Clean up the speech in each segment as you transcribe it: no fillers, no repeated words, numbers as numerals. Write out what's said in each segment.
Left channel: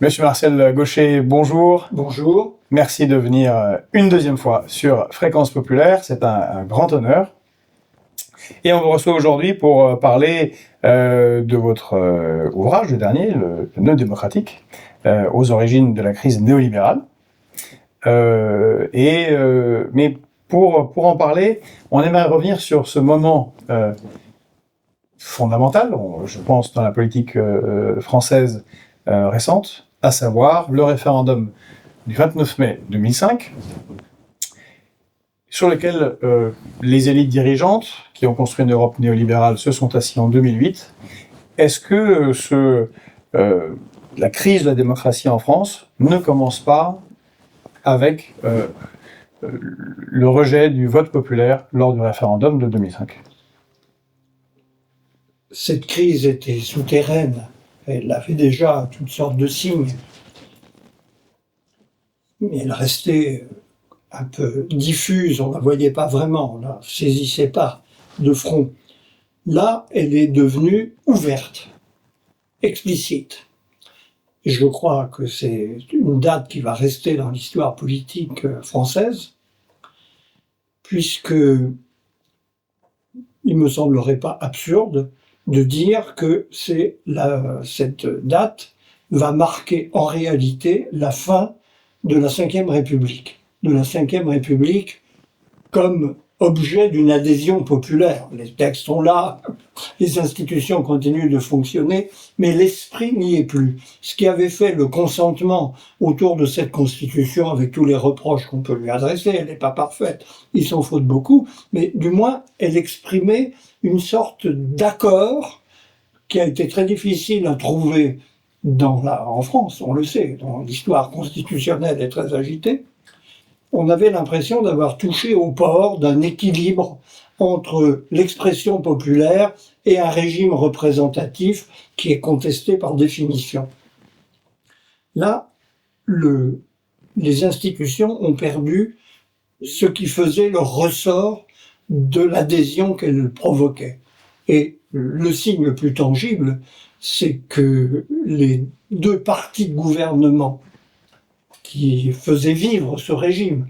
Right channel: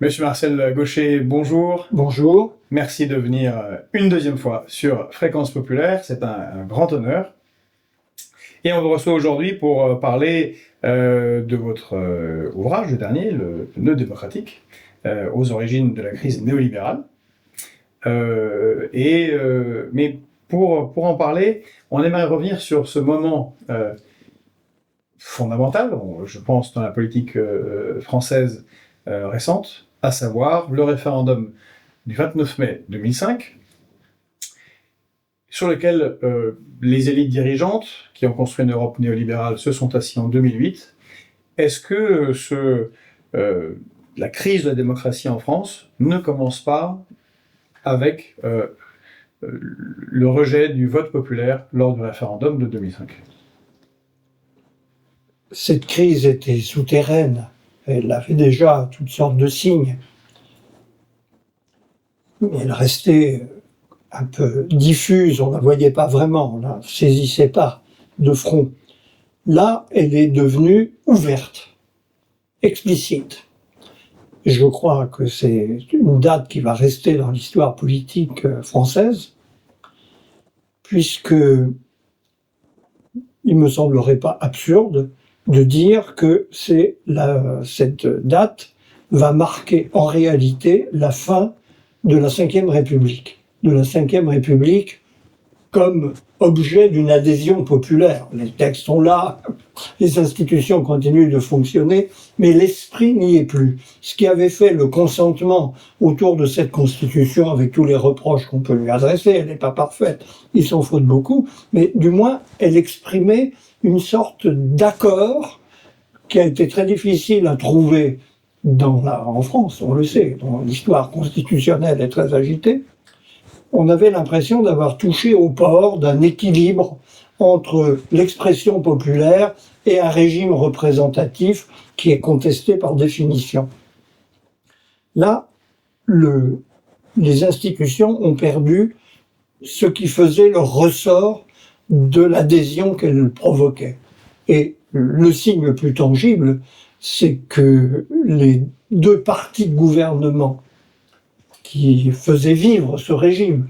Monsieur Marcel Gaucher, bonjour. Bonjour. Merci de venir une deuxième fois sur Fréquence Populaire. C'est un grand honneur. Et on vous reçoit aujourd'hui pour parler de votre ouvrage, le dernier, le Nœud démocratique, aux origines de la crise néolibérale. Mais pour en parler, on aimerait revenir sur ce moment fondamental, je pense, dans la politique française récente, à savoir le référendum du 29 mai 2005, sur lequel les élites dirigeantes qui ont construit une Europe néolibérale se sont assises en 2008. Est-ce que la crise de la démocratie en France ne commence pas avec le rejet du vote populaire lors du référendum de 2005 ? Cette crise était souterraine. Elle avait déjà toutes sortes de signes. Mais elle restait un peu diffuse, on ne la voyait pas vraiment, on ne la saisissait pas de front. Là, elle est devenue ouverte, explicite. Et je crois que c'est une date qui va rester dans l'histoire politique française, puisque il ne me semblerait pas absurde de dire que cette date va marquer en réalité la fin de la Ve République. De la Ve République comme objet d'une adhésion populaire. Les textes sont là, les institutions continuent de fonctionner, mais l'esprit n'y est plus. Ce qui avait fait le consentement autour de cette constitution, avec tous les reproches qu'on peut lui adresser, elle n'est pas parfaite, il s'en faut beaucoup, mais du moins elle exprimait une sorte d'accord qui a été très difficile à trouver en France, on le sait, dont l'histoire constitutionnelle est très agitée. On avait l'impression d'avoir touché au port d'un équilibre entre l'expression populaire et un régime représentatif qui est contesté par définition. Là, les institutions ont perdu ce qui faisait le ressort de l'adhésion qu'elles provoquaient. Et le signe le plus tangible, c'est que les deux partis de gouvernement qui faisaient vivre ce régime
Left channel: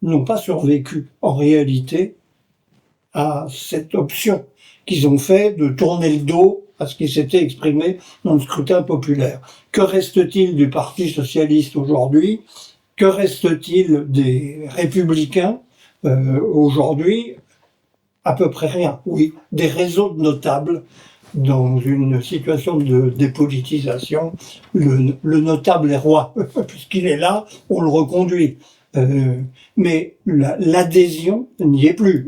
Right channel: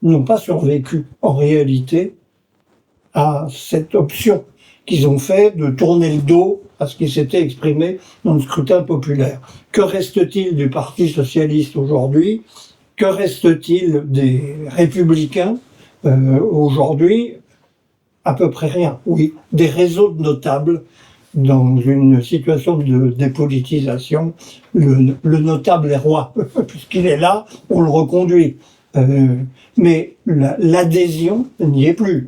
n'ont pas survécu en réalité à cette option qu'ils ont fait de tourner le dos à ce qui s'était exprimé dans le scrutin populaire. Que reste-t-il du Parti socialiste aujourd'hui ? Que reste-t-il des Républicains aujourd'hui ? À peu près rien, oui. Des réseaux de notables dans une situation de dépolitisation. Le notable est roi, puisqu'il est là, on le reconduit. Mais l'adhésion n'y est plus.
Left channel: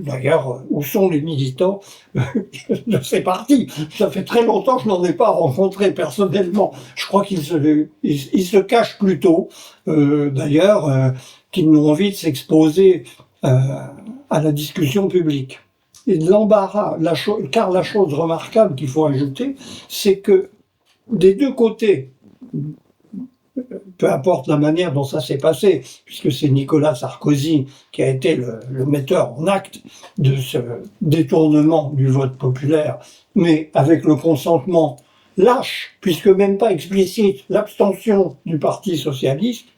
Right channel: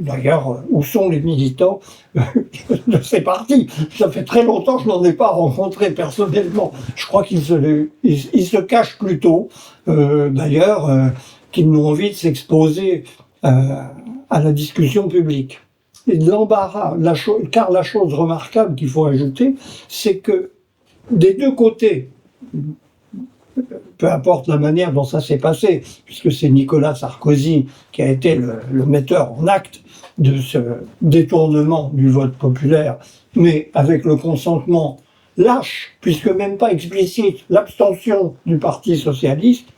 D'ailleurs, où sont les militants de ces partis ? Ça fait très longtemps que je n'en ai pas rencontré personnellement. Je crois qu'ils se cachent plutôt, d'ailleurs, qu'ils n'ont envie de s'exposer à la discussion publique. Et de l'embarras, car la chose remarquable qu'il faut ajouter, c'est que des deux côtés, peu importe la manière dont ça s'est passé, puisque c'est Nicolas Sarkozy qui a été le metteur en acte de ce détournement du vote populaire, mais avec le consentement lâche, puisque même pas explicite, l'abstention du Parti socialiste.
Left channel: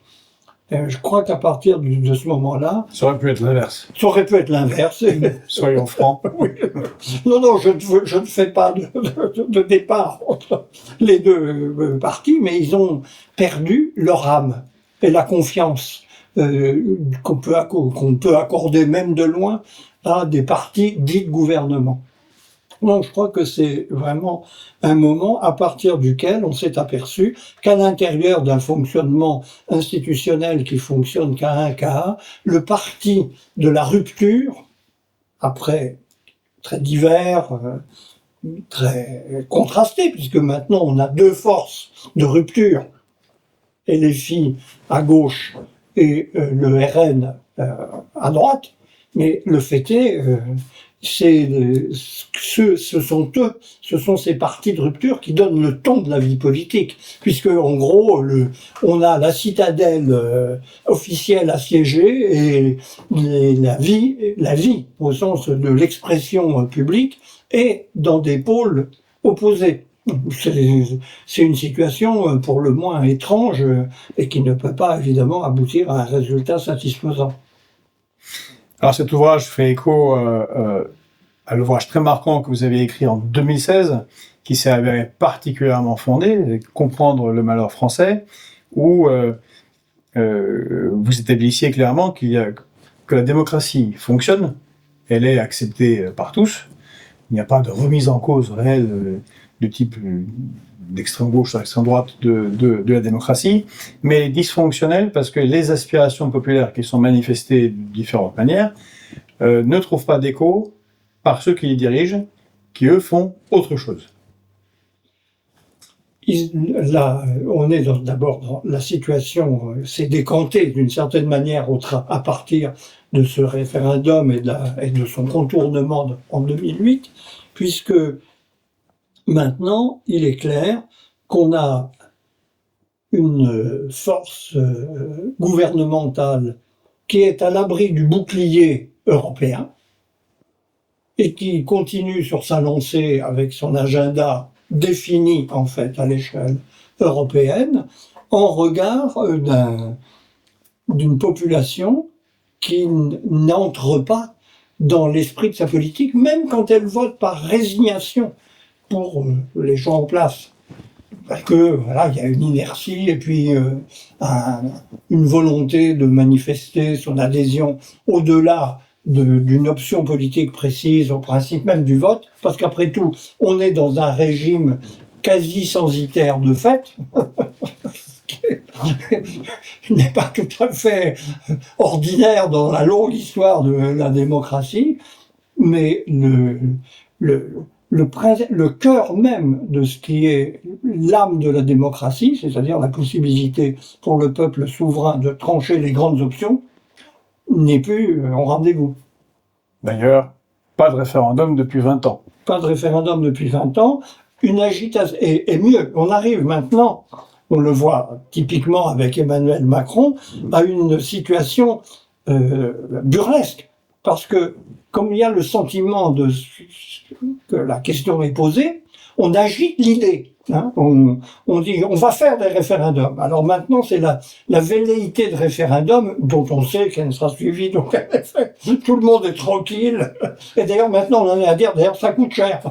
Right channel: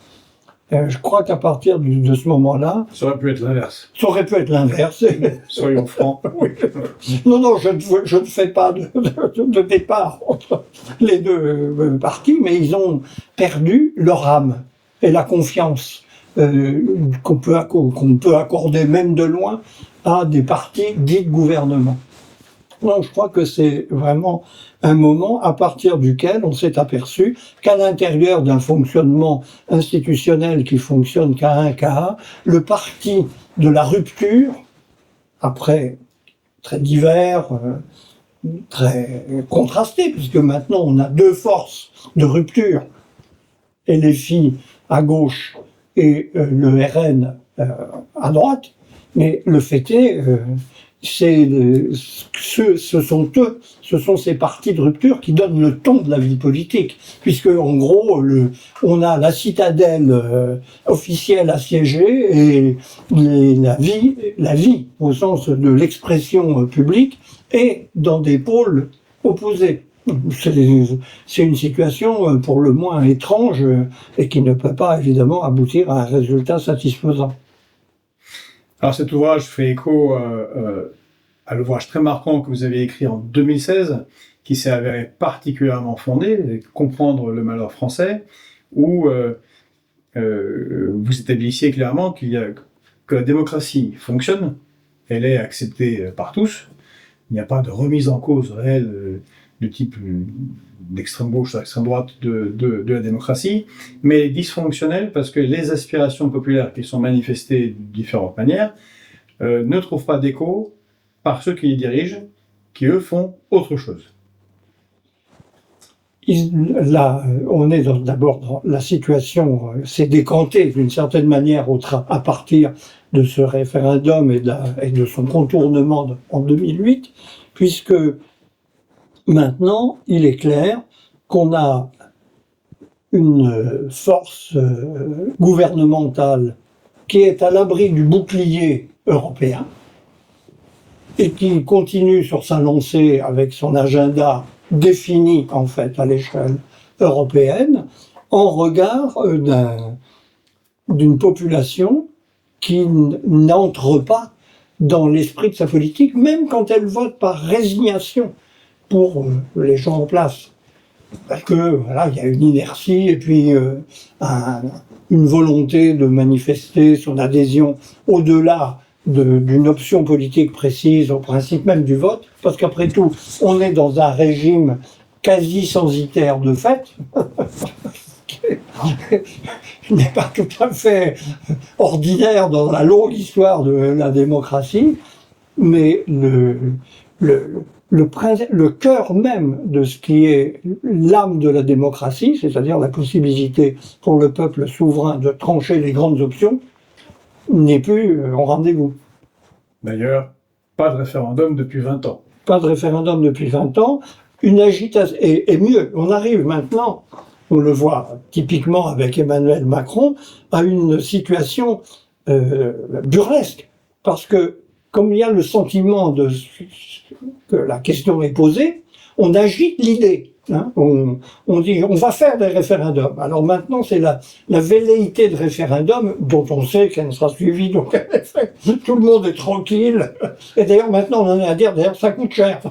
Je crois qu'à partir de ce moment-là... Ça aurait pu être l'inverse. Ça aurait pu être l'inverse. Soyons francs. Oui. Non, je ne fais pas de départ entre les deux partis, mais ils ont perdu leur âme et la confiance qu'on peut accorder même de loin à des partis dits de gouvernement. Donc je crois que c'est vraiment un moment à partir duquel on s'est aperçu qu'à l'intérieur d'un fonctionnement institutionnel qui fonctionne qu'à un cas, le parti de la rupture, après très divers, très contrasté, puisque maintenant on a deux forces de rupture, LFI à gauche et le RN à droite, mais le fait est... ce sont ces partis de rupture qui donnent le ton de la vie politique, puisque en gros, on a la citadelle officielle assiégée et la vie au sens de l'expression publique est dans des pôles opposés. C'est une situation pour le moins étrange et qui ne peut pas évidemment aboutir à un résultat satisfaisant. Alors cet ouvrage fait écho à l'ouvrage très marquant que vous avez écrit en 2016, qui s'est avéré particulièrement fondé, Comprendre le malheur français, où vous établissiez clairement que la démocratie fonctionne, elle est acceptée par tous, il n'y a pas de remise en cause réelle du type d'extrême gauche à extrême droite de la démocratie, mais elle est dysfonctionnelle parce que les aspirations populaires qui sont manifestées de différentes manières ne trouvent pas d'écho par ceux qui les dirigent, qui eux font autre chose. Là, on est d'abord dans la situation s'est décantée d'une certaine manière à partir de ce référendum et de son contournement en 2008, puisque maintenant, il est clair qu'on a une force gouvernementale qui est à l'abri du bouclier européen et qui continue sur sa lancée avec son agenda défini en fait à l'échelle européenne en regard d'une population qui n'entre pas dans l'esprit de sa politique, même quand elle vote par résignation pour les gens en place. Parce que voilà, il y a une inertie et puis une volonté de manifester son adhésion au-delà d'une option politique précise, au principe même du vote, parce qu'après tout, on est dans un régime quasi censitaire de fait, qui n'est pas tout à fait ordinaire dans la longue histoire de la démocratie, mais le cœur même de ce qui est l'âme de la démocratie, c'est-à-dire la possibilité pour le peuple souverain de trancher les grandes options, n'est plus en rendez-vous. D'ailleurs, pas de référendum depuis 20 ans. Pas de référendum depuis 20 ans, une agitation, et mieux, on arrive maintenant, on le voit typiquement avec Emmanuel Macron, à une situation burlesque, parce que comme il y a le sentiment que la question est posée, on agite l'idée. Hein, on dit on va faire des référendums. Alors maintenant c'est la velléité de référendum dont on sait qu'elle ne sera suivie d'aucun effet. Tout le monde est tranquille. Et d'ailleurs maintenant on en est à dire d'ailleurs ça coûte cher.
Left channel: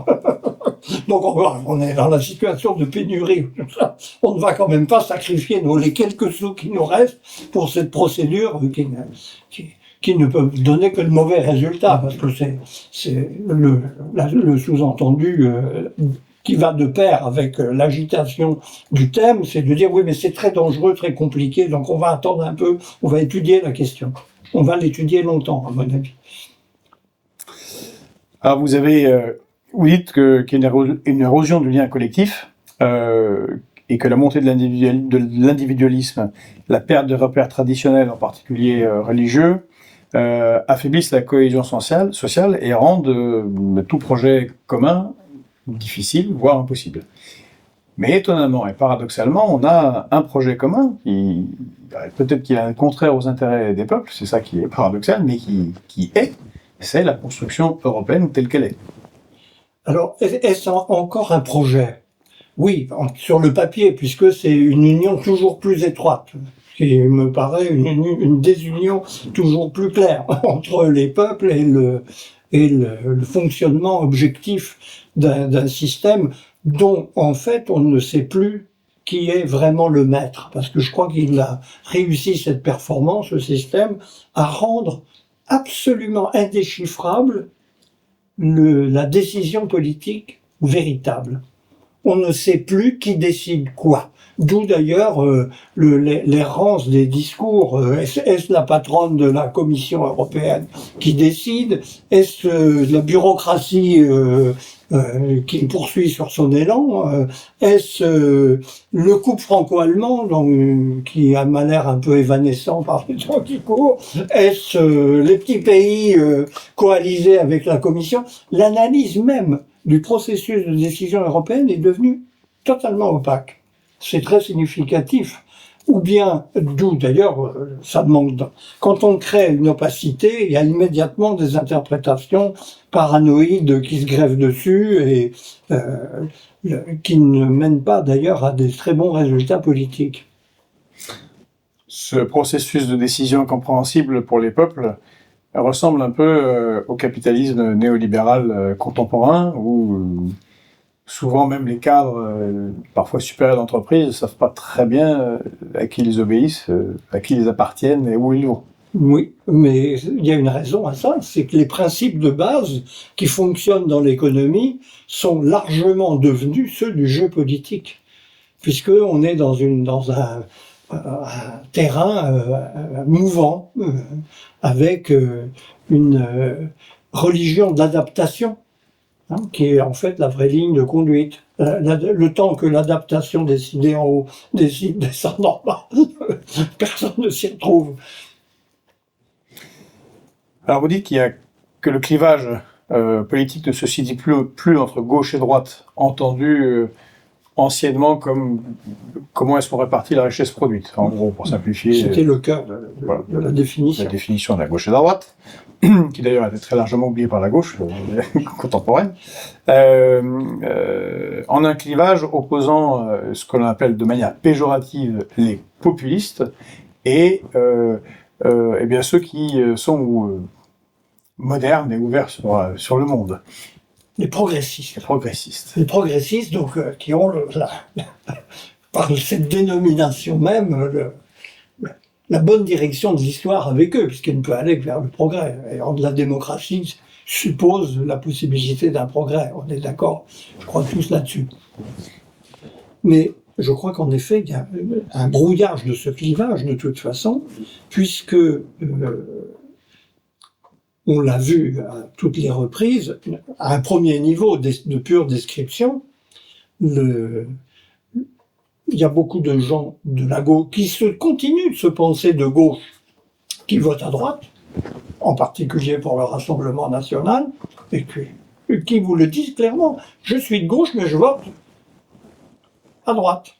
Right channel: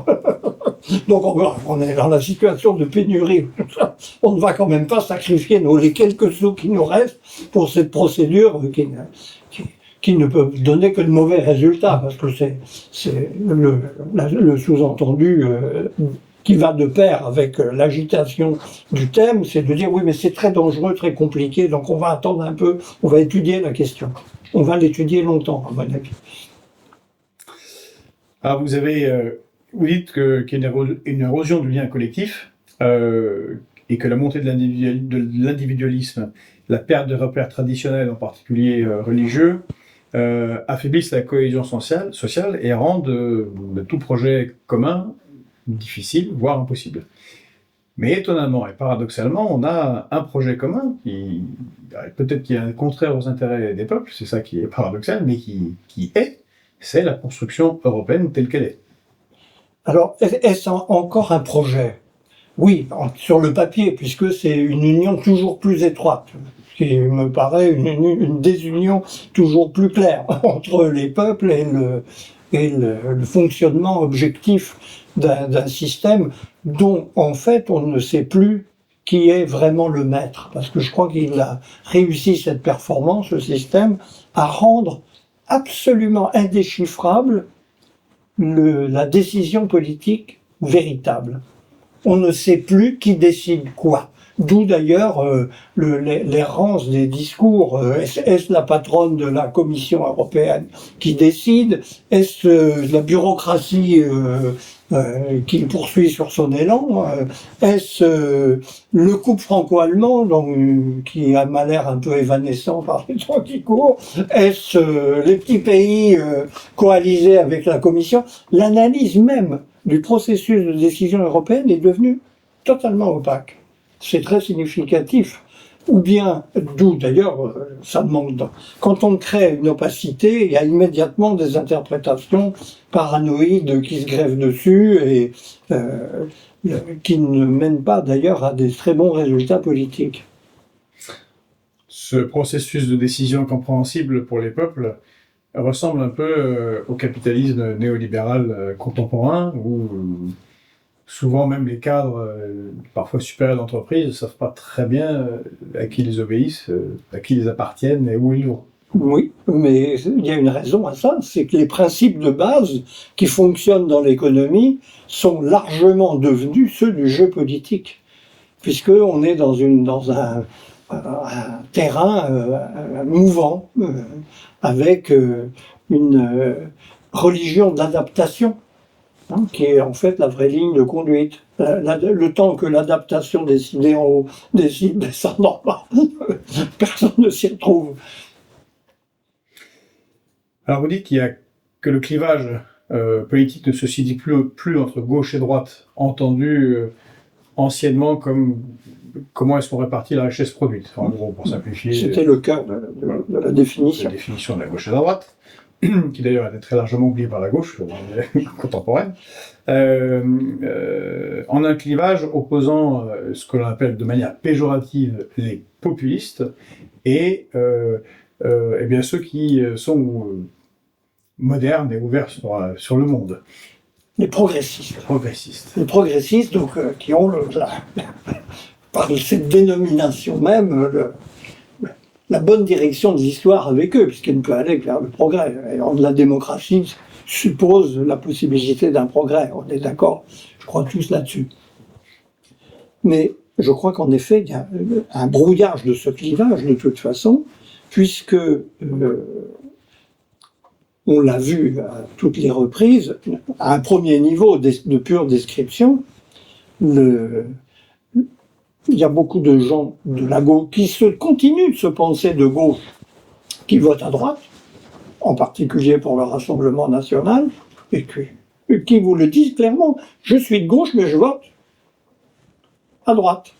Donc on est dans la situation de pénurie. On ne va quand même pas sacrifier les quelques sous qui nous restent pour cette procédure qui ne peut donner que de mauvais résultats, parce que c'est le sous-entendu qui va de pair avec l'agitation du thème, c'est de dire oui mais c'est très dangereux, très compliqué, donc on va attendre un peu, on va étudier la question. On va l'étudier longtemps, à mon avis. Alors vous dites qu'il y a une érosion du lien collectif, et que la montée de l'individualisme, la perte de repères traditionnels, en particulier religieux, affaiblissent la cohésion sociale et rendent tout projet commun difficile, voire impossible. Mais étonnamment et paradoxalement, on a un projet commun peut-être qui est contraire aux intérêts des peuples, c'est ça qui est paradoxal, mais c'est la construction européenne telle qu'elle est. Alors, est-ce encore un projet ? Oui, sur le papier, puisque c'est une union toujours plus étroite, qui me paraît une désunion toujours plus claire entre les peuples et le fonctionnement objectif d'un système dont, en fait, on ne sait plus qui est vraiment le maître. Parce que je crois qu'il a réussi cette performance, ce système, à rendre absolument indéchiffrable la décision politique véritable. On ne sait plus qui décide quoi. D'où d'ailleurs l'errance des discours. Est-ce la patronne de la Commission européenne qui décide ? Est-ce la bureaucratie qui poursuit sur son élan ? Est-ce le couple franco-allemand qui a l'air un peu évanescent par les temps qui courent ? Est-ce les petits pays coalisés avec la Commission ? L'analyse même du processus de décision européenne est devenue totalement opaque. C'est très significatif ou bien, d'où d'ailleurs, ça demande. Quand on crée une opacité, il y a immédiatement des interprétations paranoïdes qui se greffent dessus et qui ne mènent pas d'ailleurs à des très bons résultats politiques. Ce processus de décision incompréhensible pour les peuples ressemble un peu au capitalisme néolibéral contemporain, où souvent même les cadres, parfois supérieurs d'entreprise, ne savent pas très bien à qui ils obéissent, à qui ils appartiennent et où ils vont. Oui, mais il y a une raison à ça, c'est que les principes de base qui fonctionnent dans l'économie sont largement devenus ceux du jeu politique, puisqu'on est dans un terrain mouvant, avec une religion de l'adaptation, hein, qui est en fait la vraie ligne de conduite. Le temps que l'adaptation décidée en haut décide de descendre en bas, personne ne s'y retrouve. Alors vous dites que le clivage politique ne se situe plus entre gauche et droite, entendu anciennement comme comment est-ce qu'on répartit la richesse produite, en gros, pour simplifier. C'était le cœur de la définition. La définition de la gauche et de la droite, qui d'ailleurs a été très largement oubliée par la gauche contemporaine, en un clivage opposant ce que l'on appelle de manière péjorative les populistes et eh bien ceux qui sont modernes et ouverts sur le monde. Les progressistes. Les progressistes, donc, qui ont, par cette dénomination même, la bonne direction de l'histoire avec eux, puisqu'elle ne peut aller que vers le progrès. Et la démocratie suppose la possibilité d'un progrès. On est d'accord, je crois tous là-dessus. Mais je crois qu'en effet, il y a un brouillage de ce clivage, de toute façon, puisque on l'a vu à toutes les reprises, à un premier niveau de pure description, il y a beaucoup de gens de la gauche qui continuent de se penser de gauche, qui votent à droite, en particulier pour le Rassemblement national, et qui vous le disent clairement, je suis de gauche mais je vote à droite.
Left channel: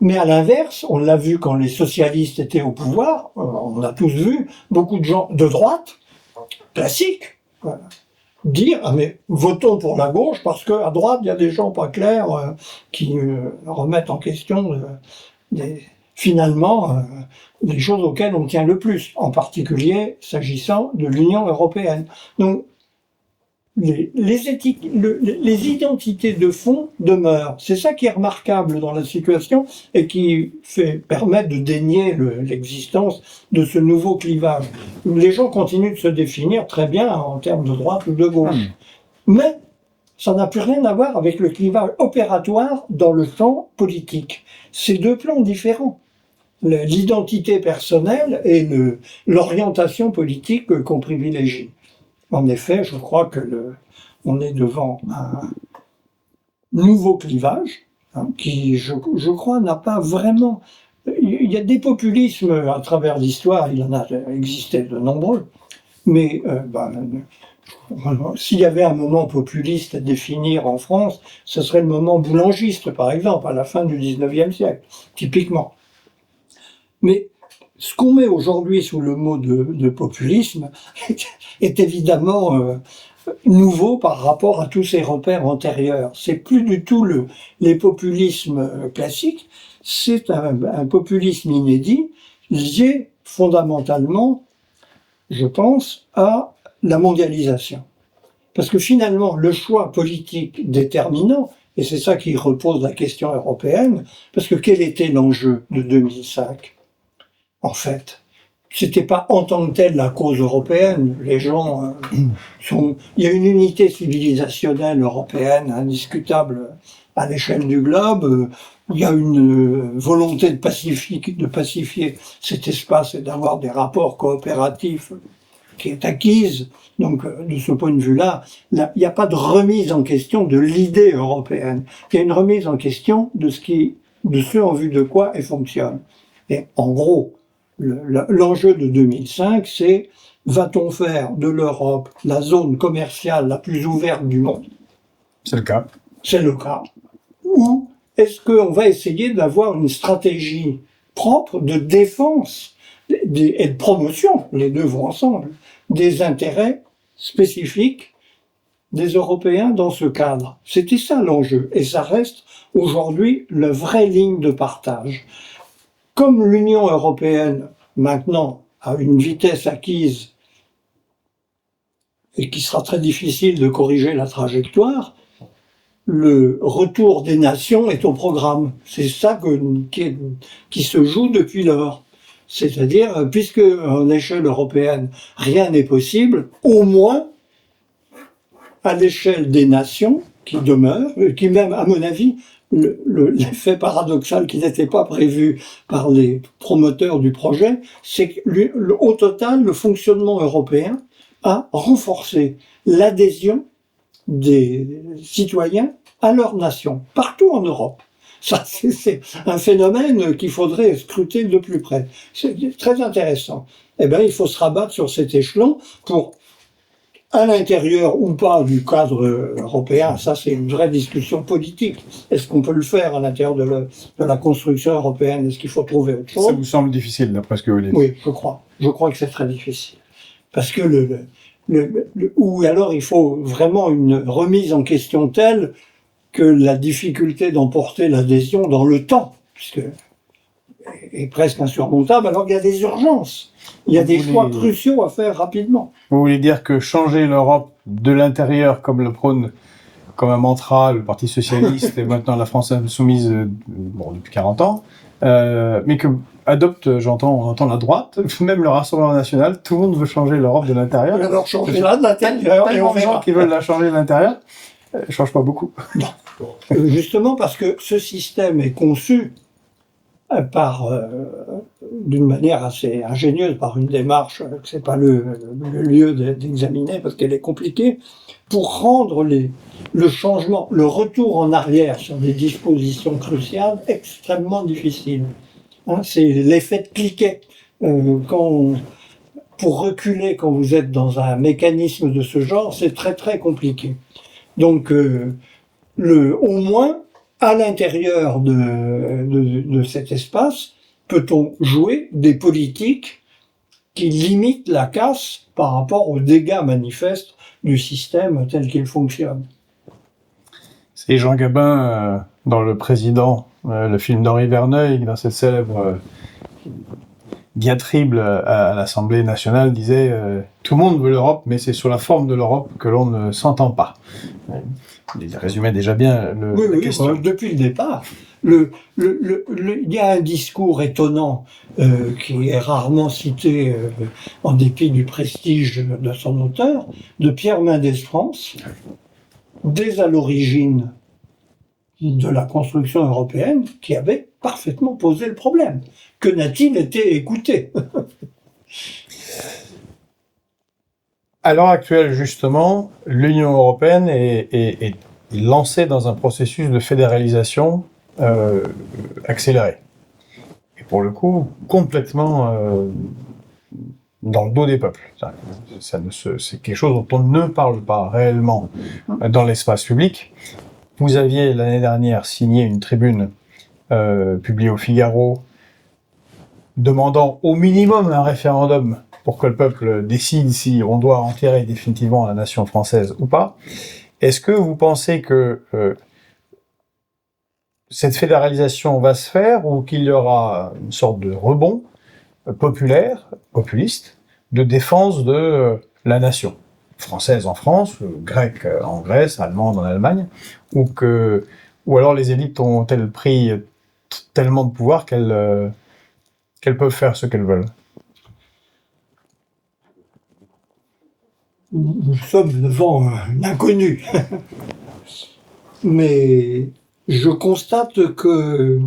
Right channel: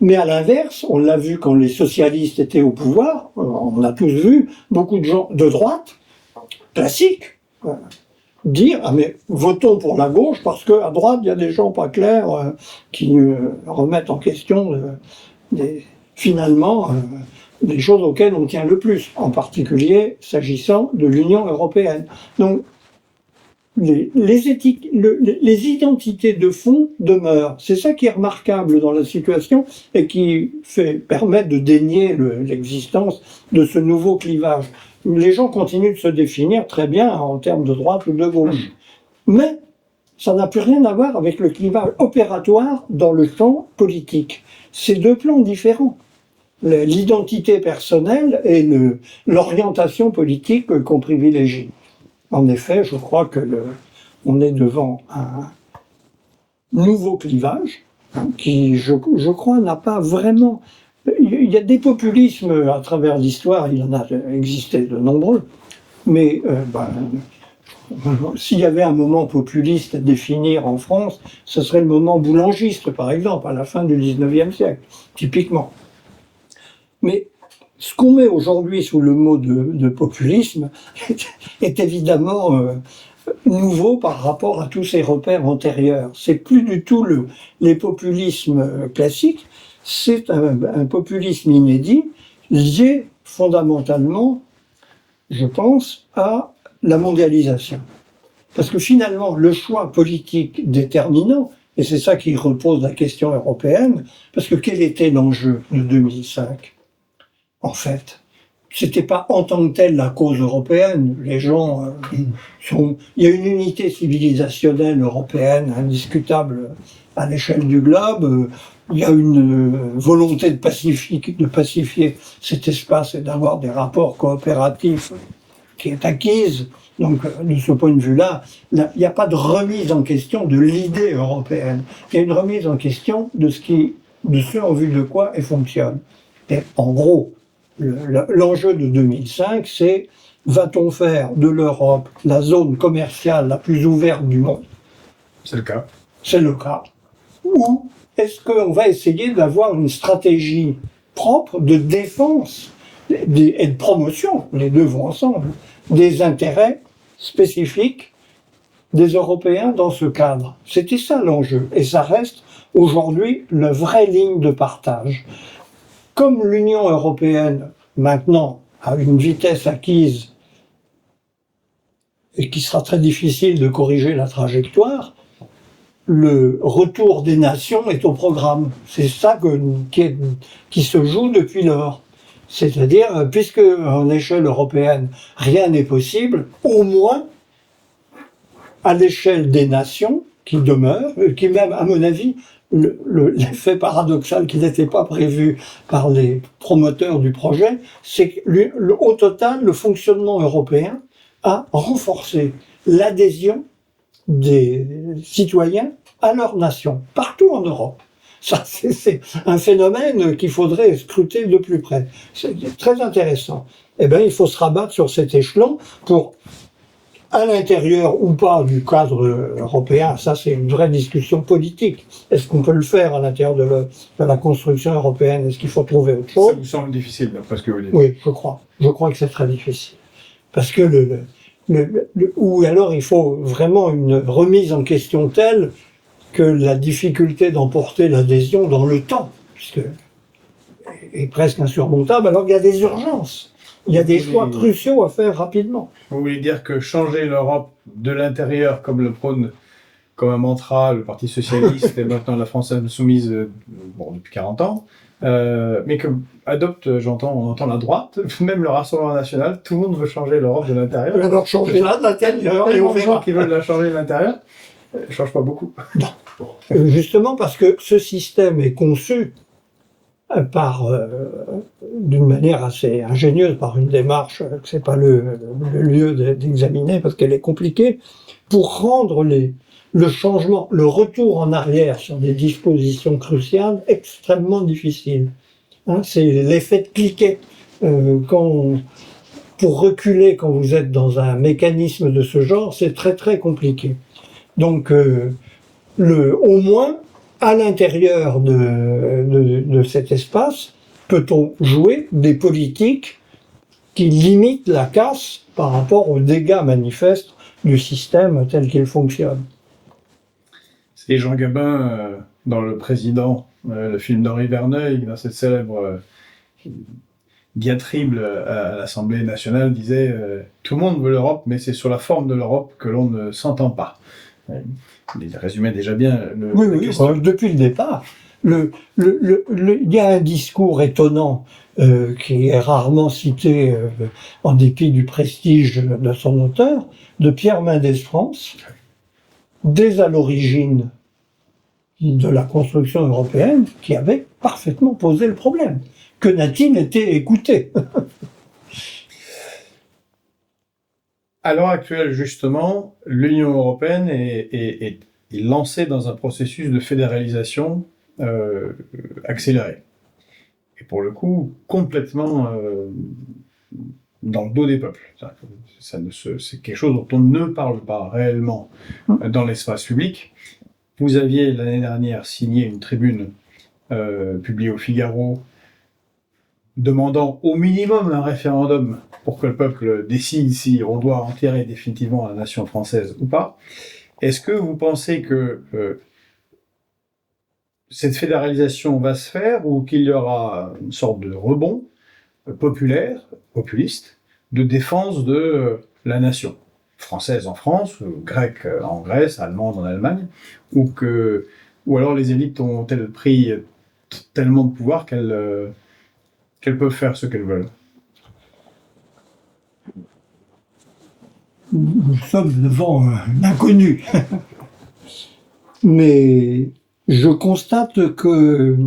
Mais à l'inverse, on l'a vu quand les socialistes étaient au pouvoir, on a tous vu beaucoup de gens de droite, classiques, dire « Ah mais votons pour la gauche parce qu'à droite, il y a des gens pas clairs qui remettent en question finalement les choses auxquelles on tient le plus, en particulier s'agissant de l'Union européenne. » Donc, les identités de fond demeurent. C'est ça qui est remarquable dans la situation et qui permet de dénier l'existence de ce nouveau clivage. Les gens continuent de se définir très bien en termes de droite ou de gauche. Mais ça n'a plus rien à voir avec le clivage opératoire dans le champ politique. C'est deux plans différents. L'identité personnelle et l'orientation politique qu'on privilégie. En effet, je crois que on est devant un nouveau clivage qui, je crois, n'a pas vraiment... Il y a des populismes à travers l'histoire, il y en a existé de nombreux, mais s'il y avait un moment populiste à définir en France, ce serait le moment boulangiste, par exemple, à la fin du XIXe siècle, typiquement. Mais ce qu'on met aujourd'hui sous le mot de populisme est évidemment nouveau par rapport à tous ces repères antérieurs. C'est plus du tout les populismes classiques, c'est un populisme inédit lié fondamentalement, je pense, à la mondialisation. Parce que finalement, le choix politique déterminant, et c'est ça qui repose la question européenne, parce que quel était l'enjeu de 2005 ? En fait, c'était pas en tant que tel la cause européenne. Les gens il y a une unité civilisationnelle européenne indiscutable à l'échelle du globe. Il y a une volonté de pacifier cet espace et d'avoir des rapports coopératifs qui est acquise. Donc, de ce point de vue-là, il n'y a pas de remise en question de l'idée européenne. Il y a une remise en question de ce en vue de quoi elle fonctionne. Et en gros, l'enjeu de 2005, c'est va-t-on faire de l'Europe la zone commerciale la plus ouverte du monde ? C'est le cas. C'est le cas. Ou est-ce qu'on va essayer d'avoir une stratégie propre de défense et de promotion, les deux vont ensemble, des intérêts spécifiques des Européens dans ce cadre. C'était ça l'enjeu, et ça reste aujourd'hui la vraie ligne de partage. Comme l'Union européenne, maintenant, a une vitesse acquise et qui sera très difficile de corriger la trajectoire, le retour des nations est au programme. C'est ça qui se joue depuis lors. C'est-à-dire, puisque à l'échelle européenne, rien n'est possible, au moins, à l'échelle des nations qui demeurent, qui même, à mon avis, l'effet paradoxal qui n'était pas prévu par les promoteurs du projet, c'est qu'au total, le fonctionnement européen a renforcé l'adhésion des citoyens à leur nation, partout en Europe. Ça, c'est un phénomène qu'il faudrait scruter de plus près. C'est très intéressant. Eh bien, il faut se rabattre sur cet échelon pour, à l'intérieur ou pas du cadre européen, ça c'est une vraie discussion politique. Est-ce qu'on peut le faire à l'intérieur de la construction européenne? Est-ce qu'il faut trouver autre chose? Ça vous semble difficile, d'après ce que vous dites? Oui, je crois. Je crois que c'est très difficile. Parce que ou alors il faut vraiment une remise en question telle que la difficulté d'emporter l'adhésion dans le temps, puisque est presque insurmontable, alors qu'il y a des urgences. Il y a des choix cruciaux à faire rapidement. Vous voulez dire que changer l'Europe de l'intérieur, comme le prône comme un mantra le Parti Socialiste et maintenant la France Insoumise depuis 40 ans, mais que adopte, on entend la droite, même le Rassemblement National, tout le monde veut changer l'Europe de l'intérieur. Alors changer là de l'intérieur et on Les gens verra. qui veulent la changer de l'intérieur, change pas beaucoup. Non. Justement parce que ce système est conçu d'une manière assez ingénieuse, par une démarche que c'est pas le lieu d'examiner parce qu'elle est compliquée, pour rendre le changement, le retour en arrière sur des dispositions cruciales extrêmement difficile. Hein, c'est l'effet de cliquet. Pour reculer quand vous êtes dans un mécanisme de ce genre, c'est très très compliqué. Donc, au moins, à l'intérieur de cet espace, peut-on jouer des politiques qui limitent la casse par rapport aux dégâts manifestes du système tel qu'il fonctionne. C'est Jean Gabin, dans Le Président, le film d'Henri Verneuil, dans cette célèbre diatribe à l'Assemblée nationale, disait tout le monde veut l'Europe, mais c'est sur la forme de l'Europe que l'on ne s'entend pas. Il résumait déjà bien la question. Depuis le départ. Il y a un discours étonnant qui est rarement cité en dépit du prestige de son auteur, de Pierre Mendès France, dès à l'origine de la construction européenne, qui avait parfaitement posé le problème. Que n'a-t-il été écouté? À l'heure actuelle, justement, l'Union européenne est lancée dans un processus de fédéralisation accéléré. Et pour le coup, complètement dans le dos des peuples. C'est quelque chose dont on ne parle pas réellement dans l'espace public. Vous aviez l'année dernière signé une tribune publiée au Figaro demandant au minimum un référendum pour que le peuple décide si on doit enterrer définitivement la nation française ou pas. Est-ce que vous pensez que cette fédéralisation va se faire ou qu'il y aura une sorte de rebond populiste, de défense de la nation française en France, grecque en Grèce, allemande en Allemagne, ou alors les élites ont-elles pris tellement de pouvoir qu'elles peuvent faire ce qu'elles veulent? Nous sommes devant l'inconnu. Mais je constate que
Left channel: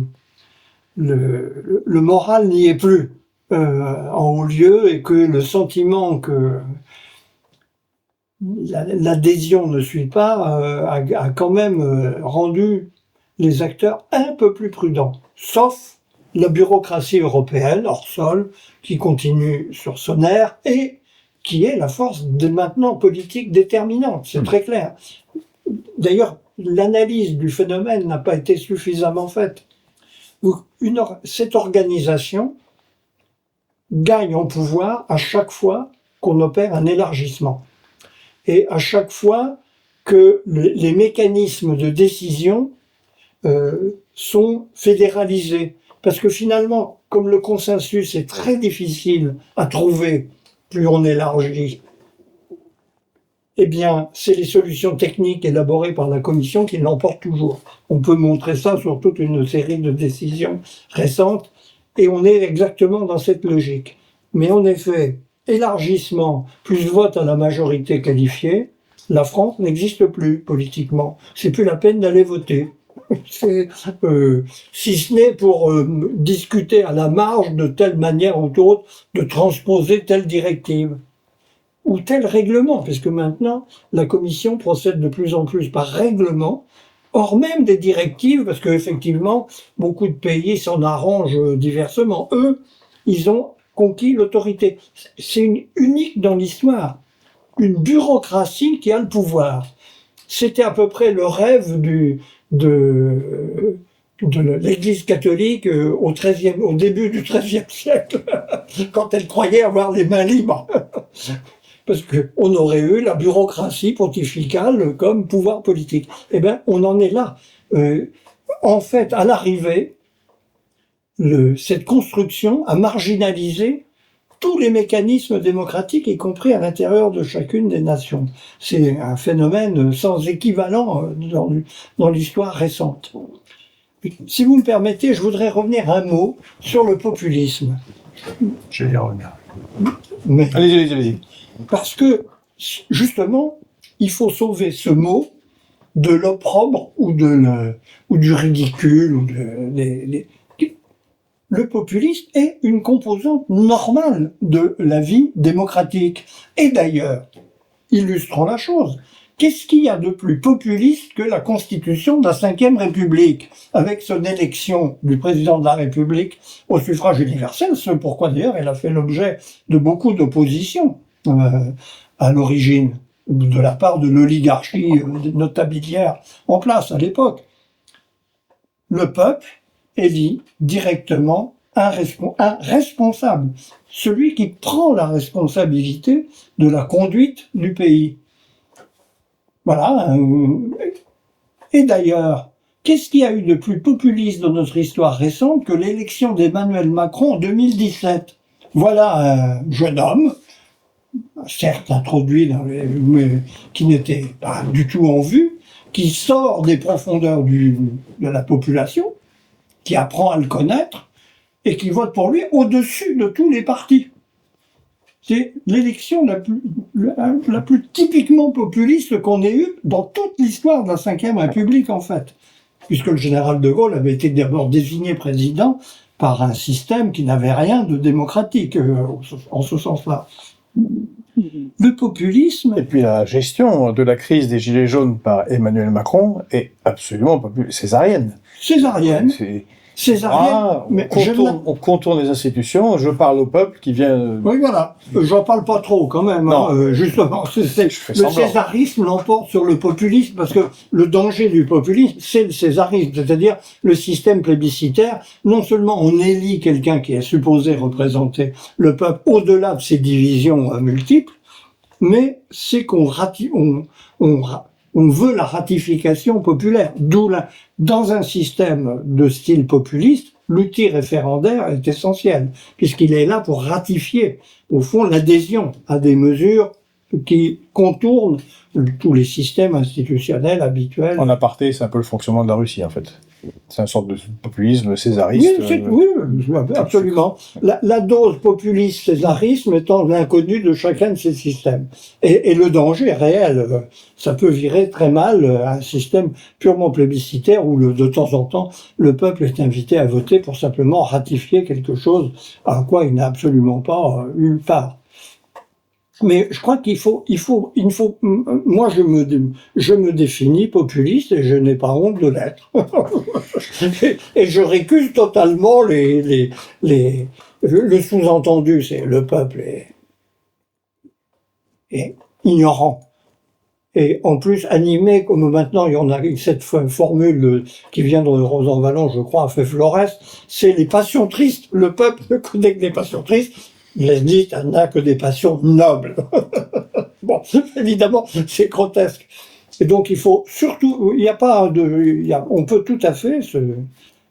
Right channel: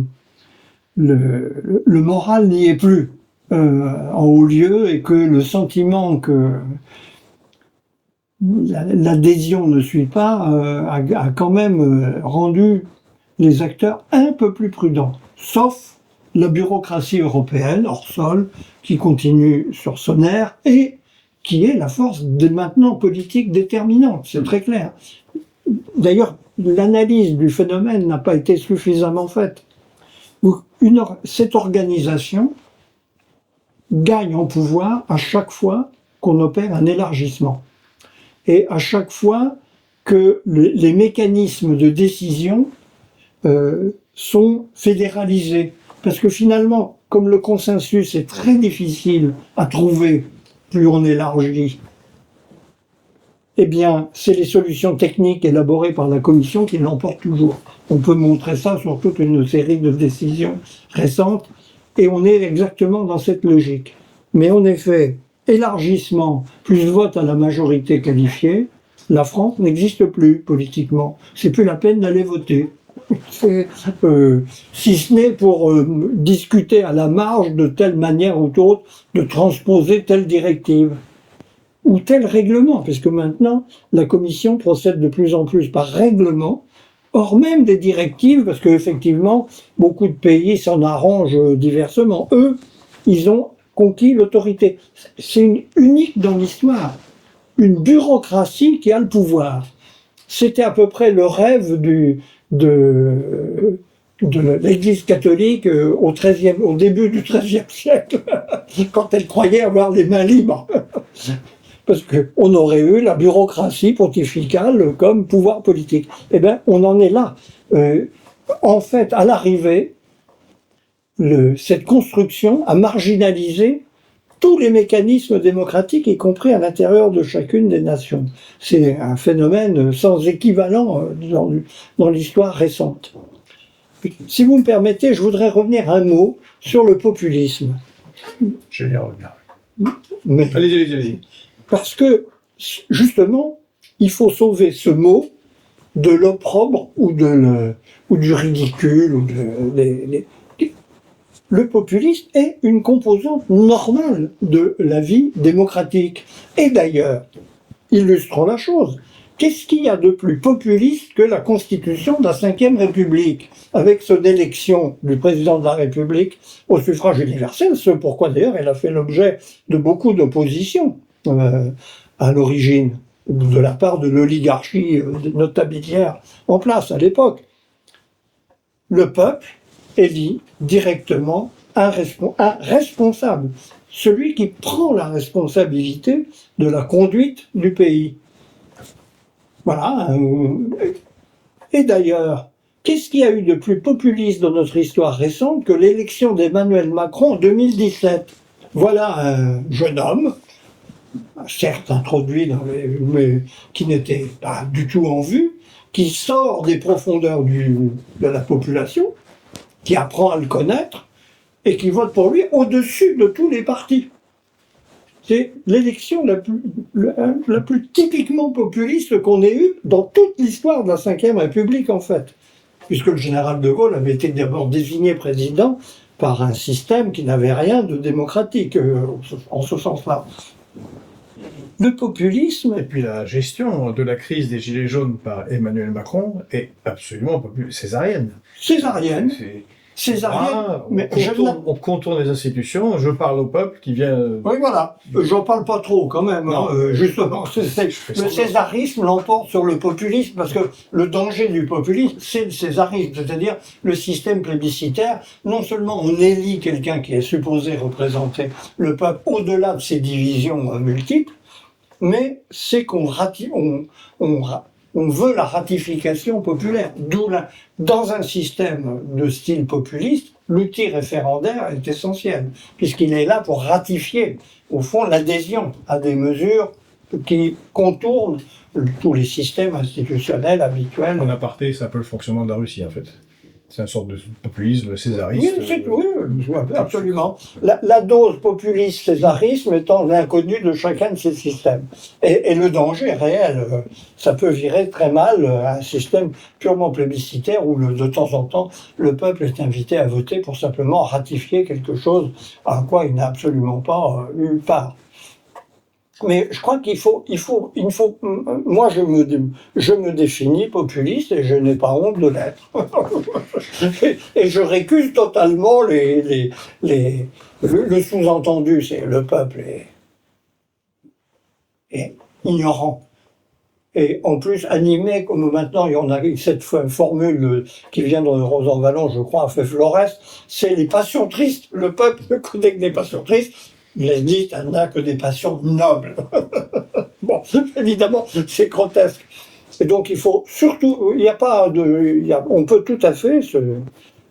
le moral n'y est plus en haut lieu et que le sentiment que l'adhésion ne suit pas a quand même rendu les acteurs un peu plus prudents. Sauf la bureaucratie européenne, hors sol, qui continue sur son air et qui est la force maintenant politique déterminante, c'est très clair. D'ailleurs, l'analyse du phénomène n'a pas été suffisamment faite. Cette organisation gagne en pouvoir à chaque fois qu'on opère un élargissement. Et à chaque fois que les mécanismes de décision sont fédéralisés. Parce que finalement, comme le consensus est très difficile à trouver, plus on élargit, eh bien, c'est les solutions techniques élaborées par la Commission qui l'emportent toujours. On peut montrer ça sur toute une série de décisions récentes, et on est exactement dans cette logique. Mais en effet, élargissement plus vote à la majorité qualifiée, la France n'existe plus politiquement. C'est plus la peine d'aller voter. Si ce n'est pour discuter à la marge de telle manière ou d'autre de transposer telle directive ou tel règlement, puisque maintenant la Commission procède de plus en plus par règlement, hors même des directives, parce qu'effectivement beaucoup de pays s'en arrangent diversement. Eux, ils ont conquis l'autorité. C'est unique dans l'histoire, une bureaucratie qui a le pouvoir. C'était à peu près le rêve de l'Église catholique au début du XIIIe siècle, quand elle croyait avoir les mains libres. Parce qu'on aurait eu la bureaucratie pontificale comme pouvoir politique. Eh bien, on en est là. En fait, à l'arrivée, cette construction a marginalisé tous les mécanismes démocratiques, y compris à l'intérieur de chacune des nations. C'est un phénomène sans équivalent dans l'histoire récente. Si vous me permettez, je voudrais revenir un mot sur le populisme. Je vais y revenir. Mais, allez. parce que, justement, il faut sauver ce mot de l'opprobre ou du ridicule. Le populisme est une composante normale de la vie démocratique. Et d'ailleurs, illustrons la chose, qu'est-ce qu'il y a de plus populiste que la constitution de la Ve République, avec son élection du président de la République au suffrage universel, ce pourquoi d'ailleurs elle a fait l'objet de beaucoup d'oppositions à l'origine, de la part de l'oligarchie notabilière en place à l'époque. Le peuple élit directement un responsable, celui qui prend la responsabilité de la conduite du pays. Voilà. Et d'ailleurs, qu'est-ce qu'il y a eu de plus populiste dans notre histoire récente que l'élection d'Emmanuel Macron en 2017 ? Voilà un jeune homme, certes introduit mais qui n'était pas du tout en vue, qui sort des profondeurs de la population, qui apprend à le connaître et qui vote pour lui au-dessus de tous les partis. C'est l'élection la plus typiquement populiste qu'on ait eue dans toute l'histoire de la Ve République, en fait. Puisque le général de Gaulle avait été d'abord désigné président par un système qui n'avait rien de démocratique, en ce sens-là. Le populisme... Et puis la gestion de la crise des Gilets jaunes par Emmanuel Macron est absolument césarienne. Césarienne. Mais on contourne les institutions, je parle au peuple qui vient... Oui, voilà. J'en parle pas trop, quand même. Justement, le césarisme l'emporte sur le populisme, parce que le danger du populisme, c'est le césarisme, c'est-à-dire le système plébiscitaire. Non seulement on élit quelqu'un qui est supposé représenter le peuple au-delà de ses divisions multiples, mais c'est qu'on veut la ratification populaire. D'où, dans un système de style populiste, l'outil référendaire est essentiel, puisqu'il est là pour ratifier, au fond, l'adhésion à des mesures qui contournent tous les systèmes institutionnels habituels. En aparté, c'est un peu le fonctionnement de la Russie, en fait. C'est une sorte de populisme césariste. Oui, absolument. La dose populiste-césarisme étant l'inconnu de chacun de ces systèmes. Et le danger réel, ça peut virer très mal à un système purement plébiscitaire où de temps en temps, le peuple est invité à voter pour simplement ratifier quelque chose à quoi il n'a absolument pas eu part. Mais je crois qu'il faut, moi je me définis populiste et je n'ai pas honte de l'être. et je récuse totalement le sous-entendu, c'est le peuple est ignorant. et en plus animé, comme maintenant il y en a cette formule qui vient de Rosan Vallon, je crois, a fait Flores, c'est les passions tristes. Le peuple ne connaît que des passions tristes. L'existe n'a que des passions nobles. Bon, évidemment, c'est grotesque. Et donc il faut surtout, il n'y a pas de, on peut tout à fait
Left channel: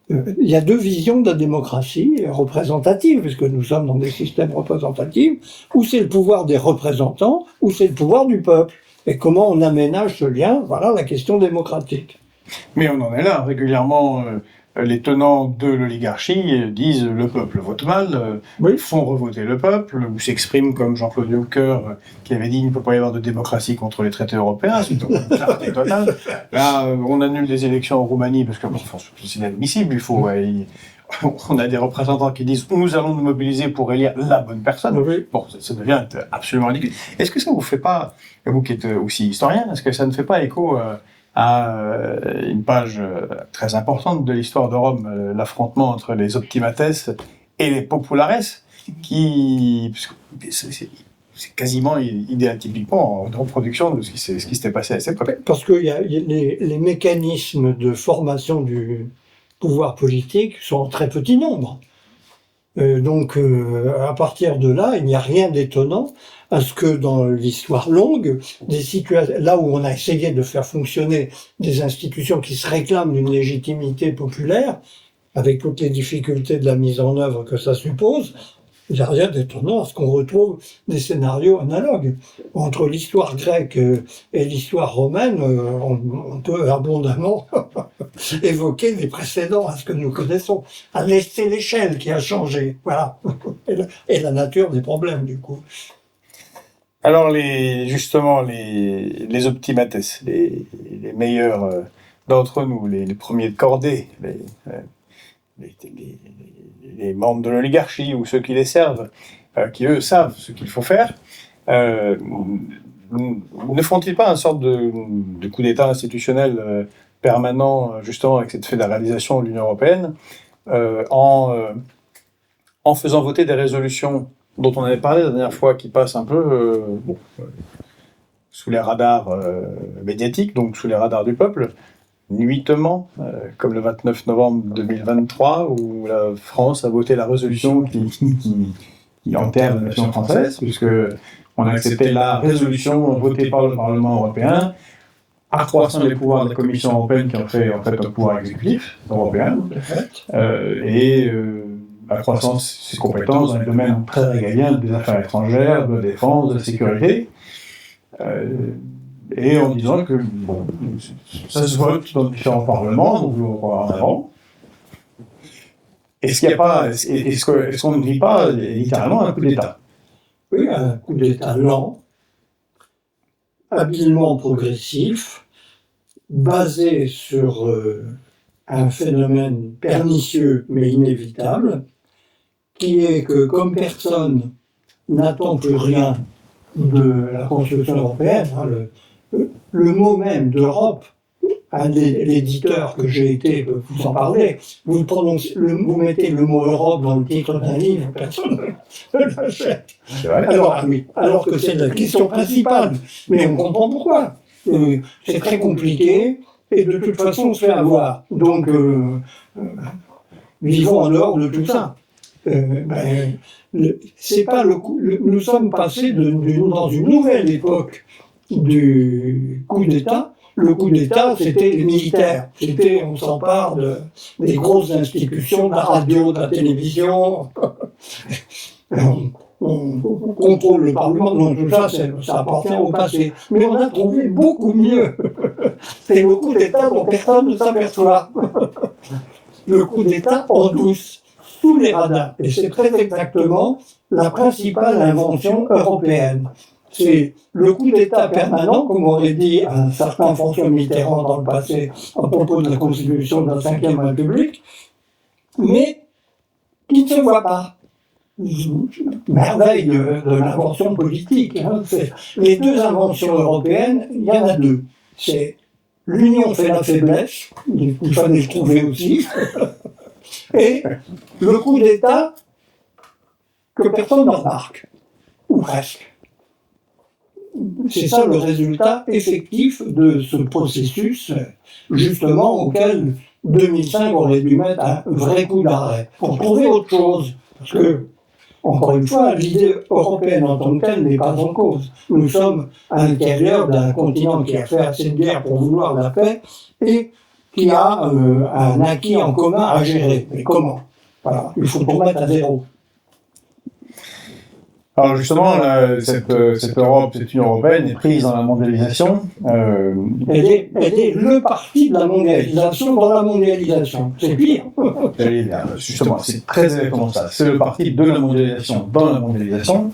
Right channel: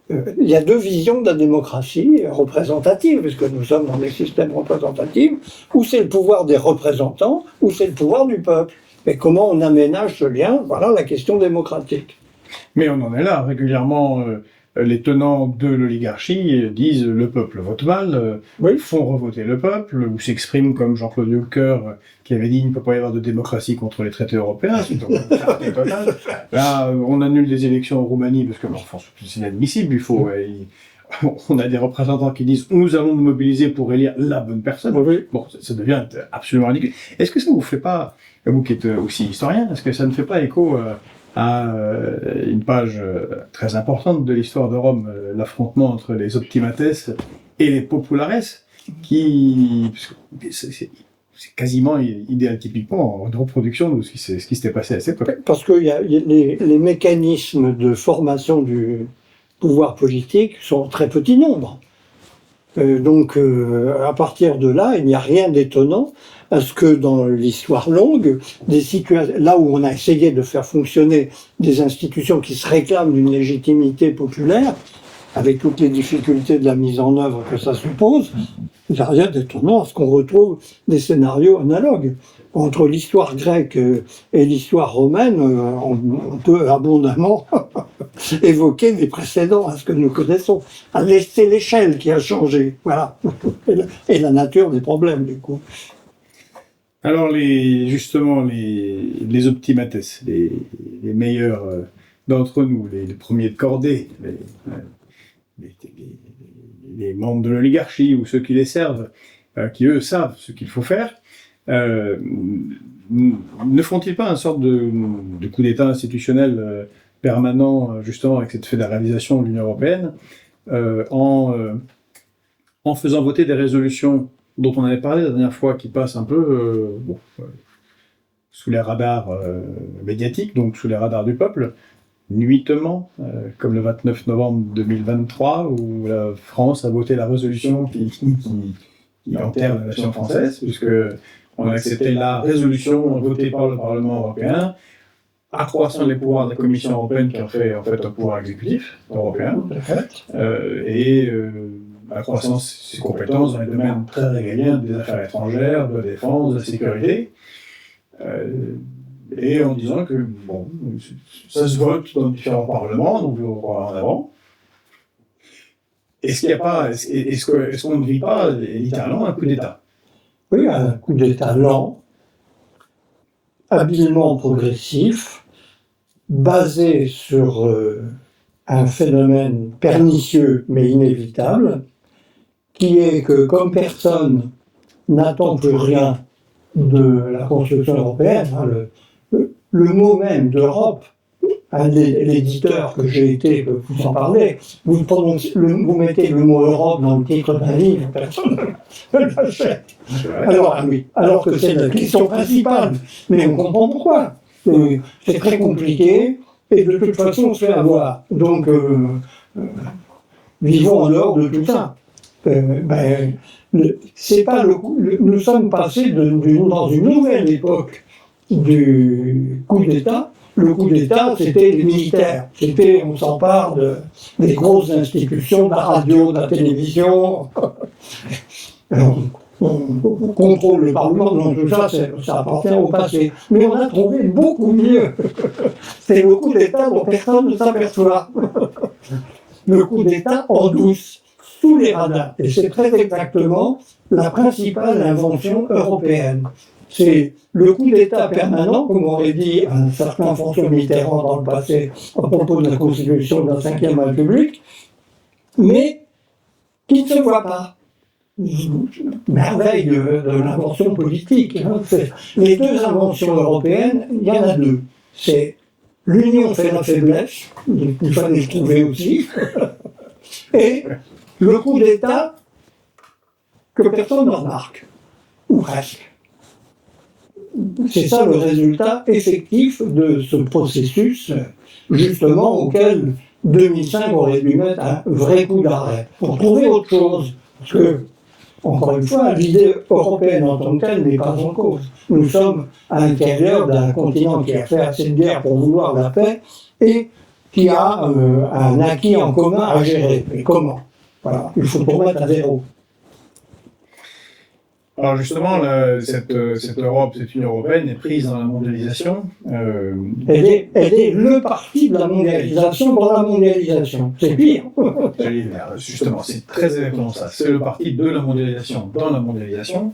il y a deux visions de la démocratie représentative, puisque nous sommes dans des systèmes représentatifs, où c'est le pouvoir des représentants, ou c'est le pouvoir du peuple. Et comment on aménage ce lien, voilà la question démocratique. Mais on en est là. Régulièrement, les tenants de l'oligarchie disent le peuple vote mal, Oui. font revoter le peuple, ou s'expriment comme Jean-Claude Juncker, qui avait dit il ne peut pas y avoir de démocratie contre les traités européens. C'est une clarté totale. Là, on annule des élections en Roumanie parce que bon, enfin, c'est inadmissible. On a des représentants qui disent nous allons nous mobiliser pour élire la bonne personne. Oui. Bon, ça devient absolument ridicule. Est-ce que ça vous fait pas, vous qui êtes aussi historien, est-ce que ça ne fait pas écho à une page très importante de l'histoire de Rome, l'affrontement entre les optimates et les populares, qui c'est quasiment idéal typiquement en reproduction de ce qui s'était passé à cette époque. Parce que les mécanismes de formation du pouvoir politique sont en très petit nombre. Donc, à partir de là, il n'y a rien d'étonnant à ce que dans l'histoire longue, des situations, là où on a essayé de faire fonctionner des institutions qui se réclament d'une légitimité populaire, avec toutes les difficultés de la mise en œuvre que ça suppose, il n'y a rien d'étonnant à ce qu'on retrouve des scénarios analogues. Entre l'histoire grecque et l'histoire romaine, on peut abondamment évoquer des précédents à ce que nous connaissons. C'est l'échelle qui a changé, voilà, et la nature des problèmes du coup. Alors justement les optimates, les meilleurs d'entre nous, les premiers de cordée, les membres de l'oligarchie ou ceux qui les servent, qui eux savent ce qu'il faut faire, ne font-ils pas une sorte de coup d'État institutionnel permanent, justement avec cette fédéralisation de l'Union européenne, en faisant voter des résolutions dont on avait parlé la dernière fois, qui passent un peu sous les radars médiatiques, donc sous les radars du peuple, nuitamment, comme le 29 novembre 2023, où la France a voté la résolution qui enterre la nation française, puisque on a accepté la résolution votée par le Parlement européen, accroissant les pouvoirs de la Commission européenne, qui en fait un pouvoir exécutif européen, et accroissant ses compétences dans les domaines très régaliens des affaires étrangères, de la défense, de la sécurité. Et en disant que bon, ça se vote dans différents parlements, donc on va voir en avant. Est-ce qu'on ne vit pas littéralement un coup d'État? Oui, un coup d'État lent, habilement progressif, basé sur un phénomène pernicieux mais inévitable, qui est que comme personne n'attend plus rien de la construction européenne, le mot même d'Europe, l'éditeur que j'ai été peut vous en parler, vous mettez le mot Europe dans le titre d'un livre, personne ne l'achète. Alors que c'est la question principale, mais on comprend pourquoi. C'est très compliqué, et de toute façon on se fait avoir. Donc, vivons en dehors de tout ça. C'est pas nous sommes passés dans une nouvelle époque du coup d'État. Le coup d'État, c'était les militaires. On s'empare des grosses institutions, de la radio, de la télévision. On contrôle le Parlement. Donc tout ça, ça appartient au passé. Mais on a trouvé beaucoup mieux. C'est le coup d'État dont personne ne s'aperçoit. Le coup d'État en douce, sous les radars. Et c'est très exactement la principale invention européenne. C'est le coup d'État permanent, comme aurait dit un certain François Mitterrand dans le passé à propos de la constitution de la Ve République, mais qui ne se voit pas. Merveille de l'invention politique. Les deux inventions européennes, il y en a deux. C'est l'union fait la faiblesse, il fallait le trouver aussi, et le coup d'État que personne ne remarque, ou presque. c'est ça le résultat effectif de ce processus, justement, auquel 2005 aurait dû mettre un vrai coup d'arrêt, pour trouver autre chose. Parce que, encore une fois, l'idée européenne en tant que telle n'est pas en cause. Nous sommes à l'intérieur d'un continent qui a fait assez de guerre pour vouloir la paix et qui a un acquis en commun à gérer. Mais comment? Voilà. Il faut tout remettre à zéro. Alors justement, cette Europe, cette Union européenne est prise dans la mondialisation. Elle est le parti de la mondialisation dans la mondialisation. C'est pire. Justement, c'est très exactement ça. C'est le parti de la mondialisation dans la mondialisation,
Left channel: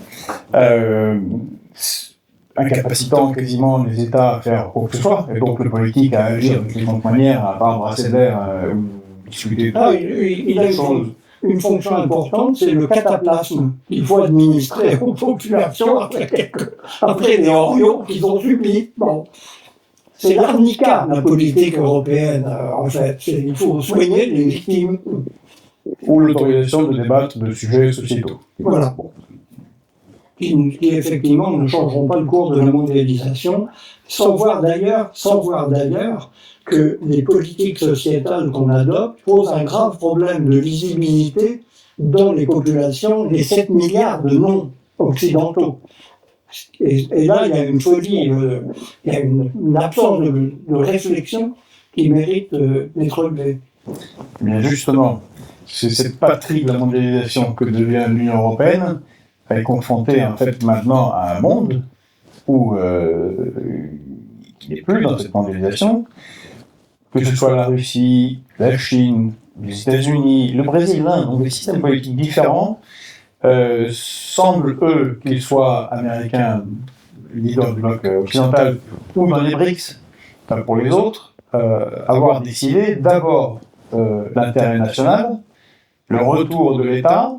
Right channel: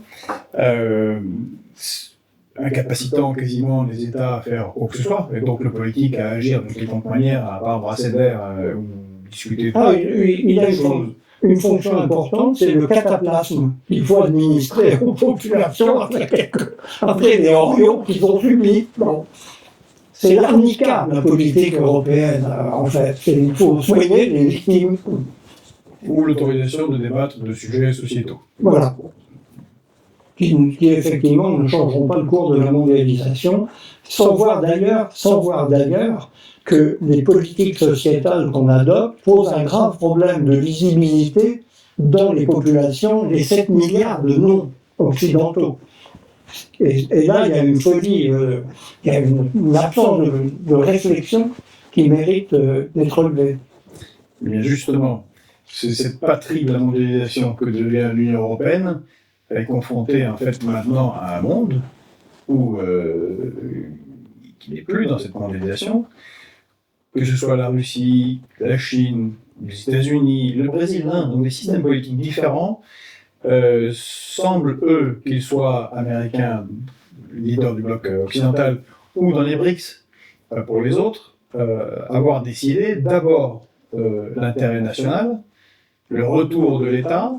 incapacitant quasiment les États à faire quoi que ce soit, et donc le politique à agir de différentes manières, à part brasser d'air, discuter de il a une fonction importante, c'est le cataplasme qu'il faut administrer aux populations après les Orions qu'ils ont subis. Bon. C'est l'arnica, la politique européenne, en fait. Il faut soigner les victimes. Ou l'autorisation de débattre de sujets sociétaux. Voilà. Qui effectivement ne changeront pas le cours de la mondialisation, sans voir d'ailleurs que les politiques sociétales qu'on adopte posent un grave problème de lisibilité dans les populations, les 7 milliards de non-occidentaux. Et là, il y a une folie, il y a une absence de réflexion qui mérite d'être relevée. Mais justement, c'est cette patrie de la mondialisation que devient l'Union européenne. Elle est confrontée en fait maintenant à un monde où qui n'est plus dans cette mondialisation, que ce soit la Russie, la Chine, les États-Unis, le Brésil, l'Inde, ont des systèmes politiques différents, semblent eux, qu'ils soient américains, leaders du bloc occidental, ou dans les BRICS, pour les autres, avoir décidé d'abord l'intérêt national, le retour de l'État,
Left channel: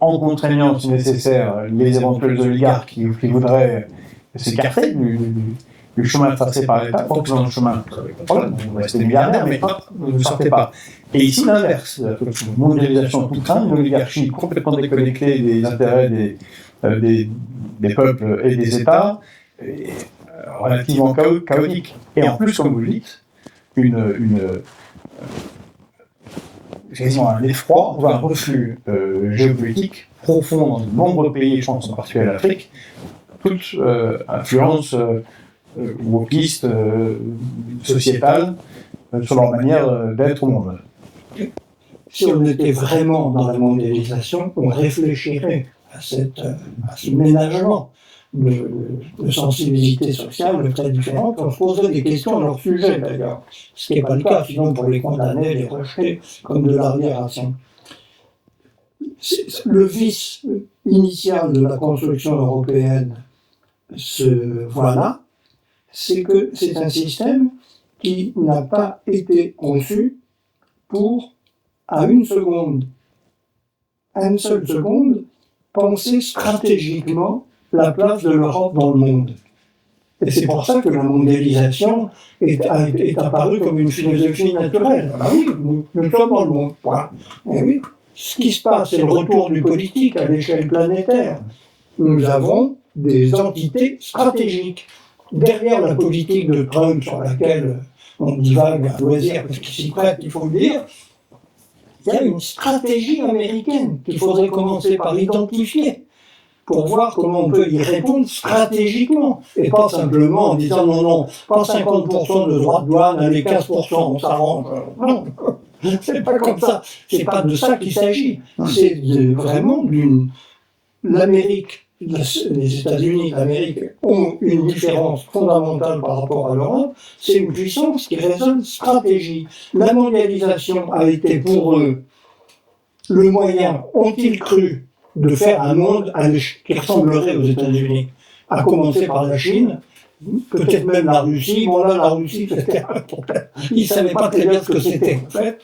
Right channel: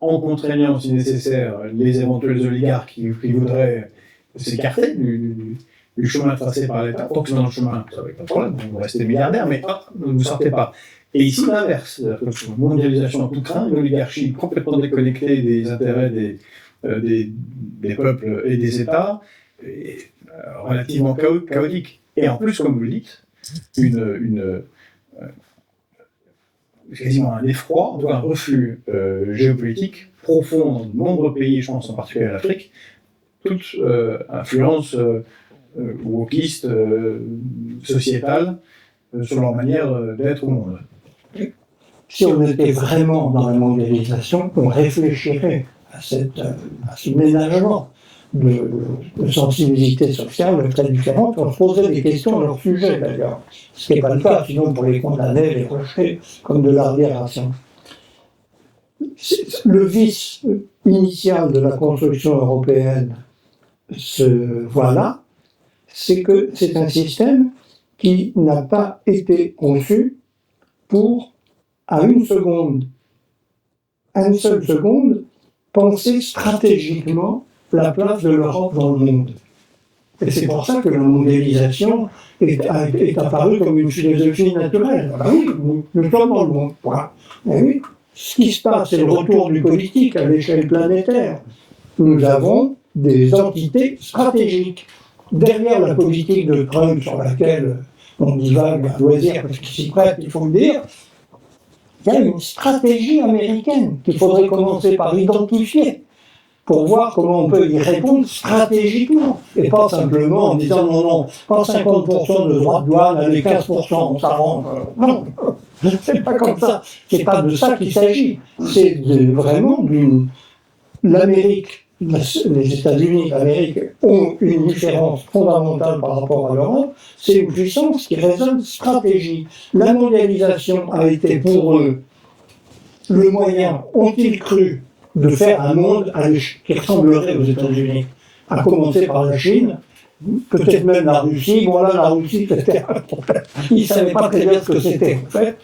en contraignant, si nécessaire, les éventuels oligarques qui voudraient s'écarter du chemin tracé par l'État. Tant que c'est dans le chemin, vous n'avez pas de problème, vous restez milliardaire, mais ne vous sortez pas. Et ici, l'inverse, une mondialisation tout train, une oligarchie complètement déconnectée des intérêts des peuples et des États, relativement chaotique. Et en plus, comme vous le dites, quasiment un effroi, voire un reflux géopolitique profond dans de nombreux pays, je pense en particulier à l'Afrique, toute influence wokiste, sociétale, sur leur manière d'être au monde. Si on était vraiment dans la mondialisation, on réfléchirait à ce ménagement de sensibilité sociale très différente, on se poserait des questions à leur sujet d'ailleurs, ce qui n'est pas le cas, sinon pour les condamner, les rejeter comme de l'arriération. Le vice initial de la construction européenne, voilà, c'est que c'est un système qui n'a pas été conçu pour, à une seule seconde, penser stratégiquement la place de l'Europe dans le monde. Et c'est pour ça que la mondialisation est apparue comme une philosophie naturelle. Ah oui, nous sommes dans le monde. Voilà. Et oui, ce qui se passe, c'est le retour du politique à l'échelle planétaire. Nous avons des entités stratégiques. Derrière la politique de Trump, sur laquelle on divague à loisir, parce qu'il s'y prête, il faut le dire, il y a une stratégie américaine qu'il faudrait commencer par identifier, pour voir comment on peut y répondre stratégiquement, et pas simplement en disant non, pas 50% de droits de douane, allez 15%, on s'arrange. Non, c'est pas comme ça, c'est pas de ça qu'il s'agit. C'est vraiment l'Amérique, les États-Unis d'Amérique ont une différence fondamentale par rapport à l'Europe, c'est une puissance qui raisonne stratégie. La mondialisation a été pour eux le moyen, ont-ils cru, de faire un monde qui ressemblerait aux États-Unis, à commencer par la Chine, peut-être même la Russie. Bon là, la Russie, c'était un problème. Ils ne savaient pas très bien ce que c'était, en fait.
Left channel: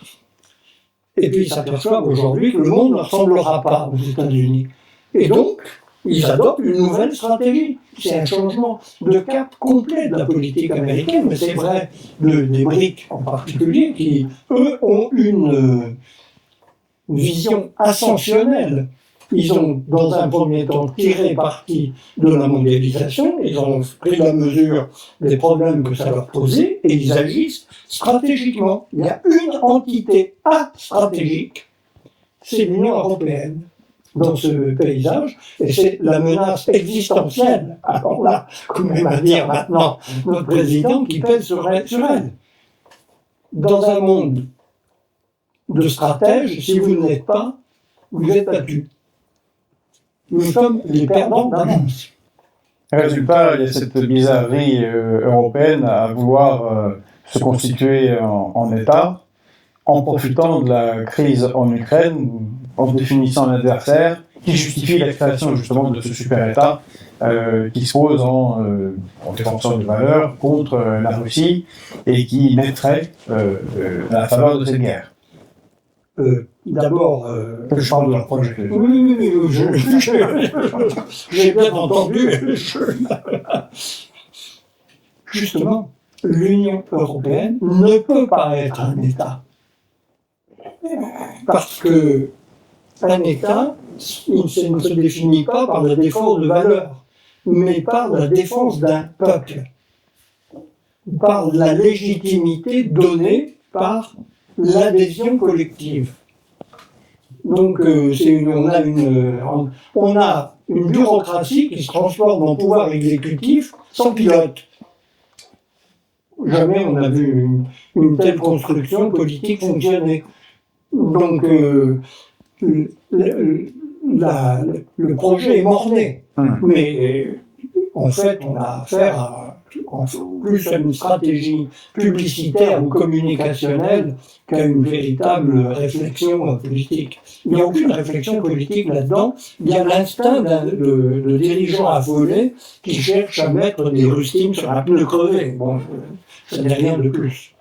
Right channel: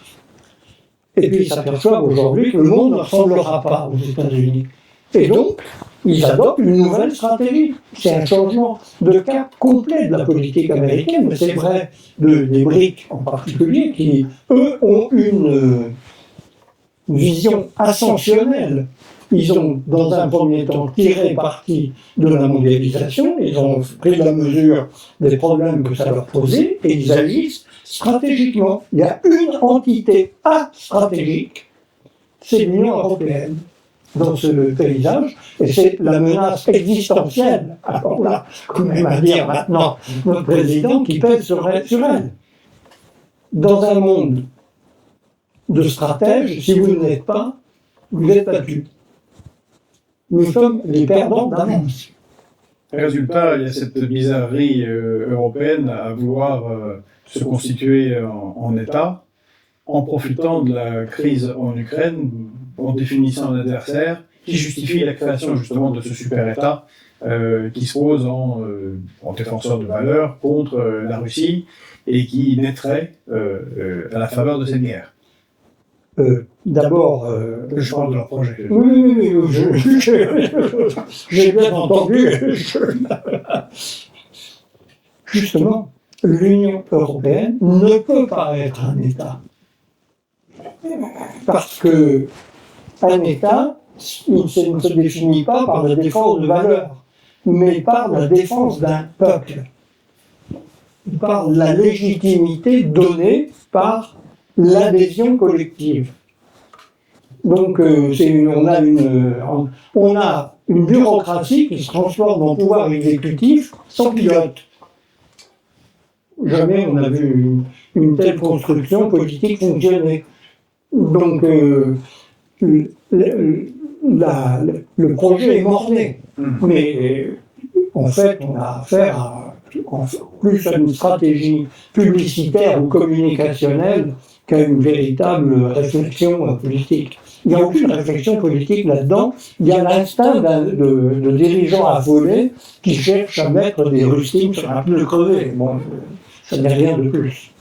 Et puis ils s'aperçoivent aujourd'hui que le monde ne ressemblera pas aux États-Unis. Et donc, ils adoptent une nouvelle stratégie. C'est un changement de cap complet de la politique américaine, mais c'est vrai des BRICS en particulier, qui, eux, ont une vision ascensionnelle Ils ont, dans un premier temps, tiré parti de la mondialisation, ils ont pris la mesure des problèmes que ça leur posait, et ils agissent stratégiquement. Il y a une entité stratégique, c'est l'Union européenne dans ce paysage, et c'est la menace existentielle, alors là, quand même à dire maintenant, notre président qui pèse sur elle. Dans un monde de stratèges, si vous ne l'êtes pas, vous êtes battu. Nous sommes les perdants d'avance. Résultat, il y a cette bizarrerie européenne à vouloir se constituer en État, en profitant de la crise en Ukraine, en définissant l'adversaire, qui justifie la création justement de ce super-État qui se pose en défenseur de valeurs contre la Russie et qui naîtrait à la faveur de cette guerre. D'abord, Je parle de leur projet. oui, j'ai bien entendu. Justement, l'Union européenne ne peut pas être un État. Parce que un État, il ne se définit pas par la défense de valeurs, mais par la défense d'un peuple, par la légitimité donnée par l'adhésion collective. Donc, on a une bureaucratie qui se transforme en pouvoir exécutif sans pilote. Jamais on a vu une telle construction politique fonctionner. Donc, le projet est mort-né. Mais en fait, on a affaire à plus à une stratégie publicitaire ou communicationnelle qu'à une véritable réflexion politique. Il n'y a aucune réflexion politique là-dedans. Il y a l'instinct de dirigeant affolé qui cherche à mettre des rustines sur un pneu crevé. Bon, ça n'est rien de plus.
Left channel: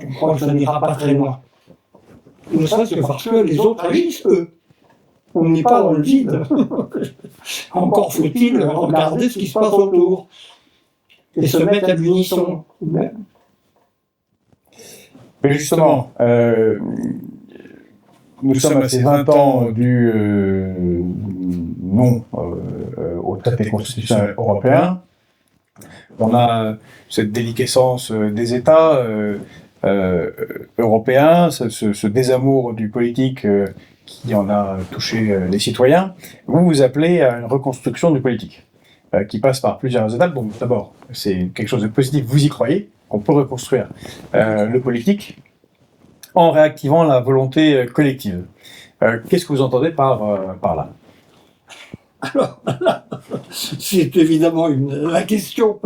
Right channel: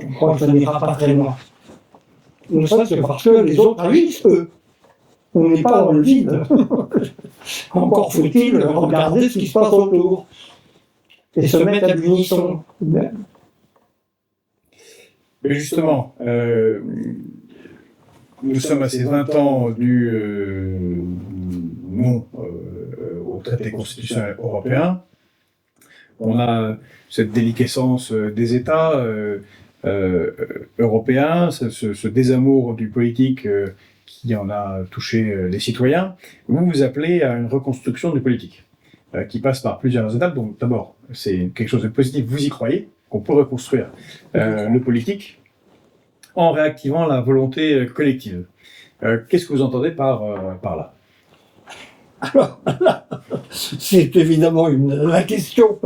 Je crois que ça n'ira pas très loin. Ne serait-ce que parce que les autres agissent, eux. On n'est pas dans le vide. Encore faut-il regarder ce qui se passe autour et se mettre à l'unisson. Mais justement, nous sommes à ces 20 ans du non au traité constitutionnel européen. On a cette déliquescence des États européens, ce désamour du politique qui en a touché les citoyens. Vous appelez à une reconstruction du politique qui passe par plusieurs étapes. Donc d'abord, c'est quelque chose de positif, vous y croyez, qu'on peut reconstruire le politique en réactivant la volonté collective. Qu'est-ce que vous entendez par là? Alors, c'est évidemment la question,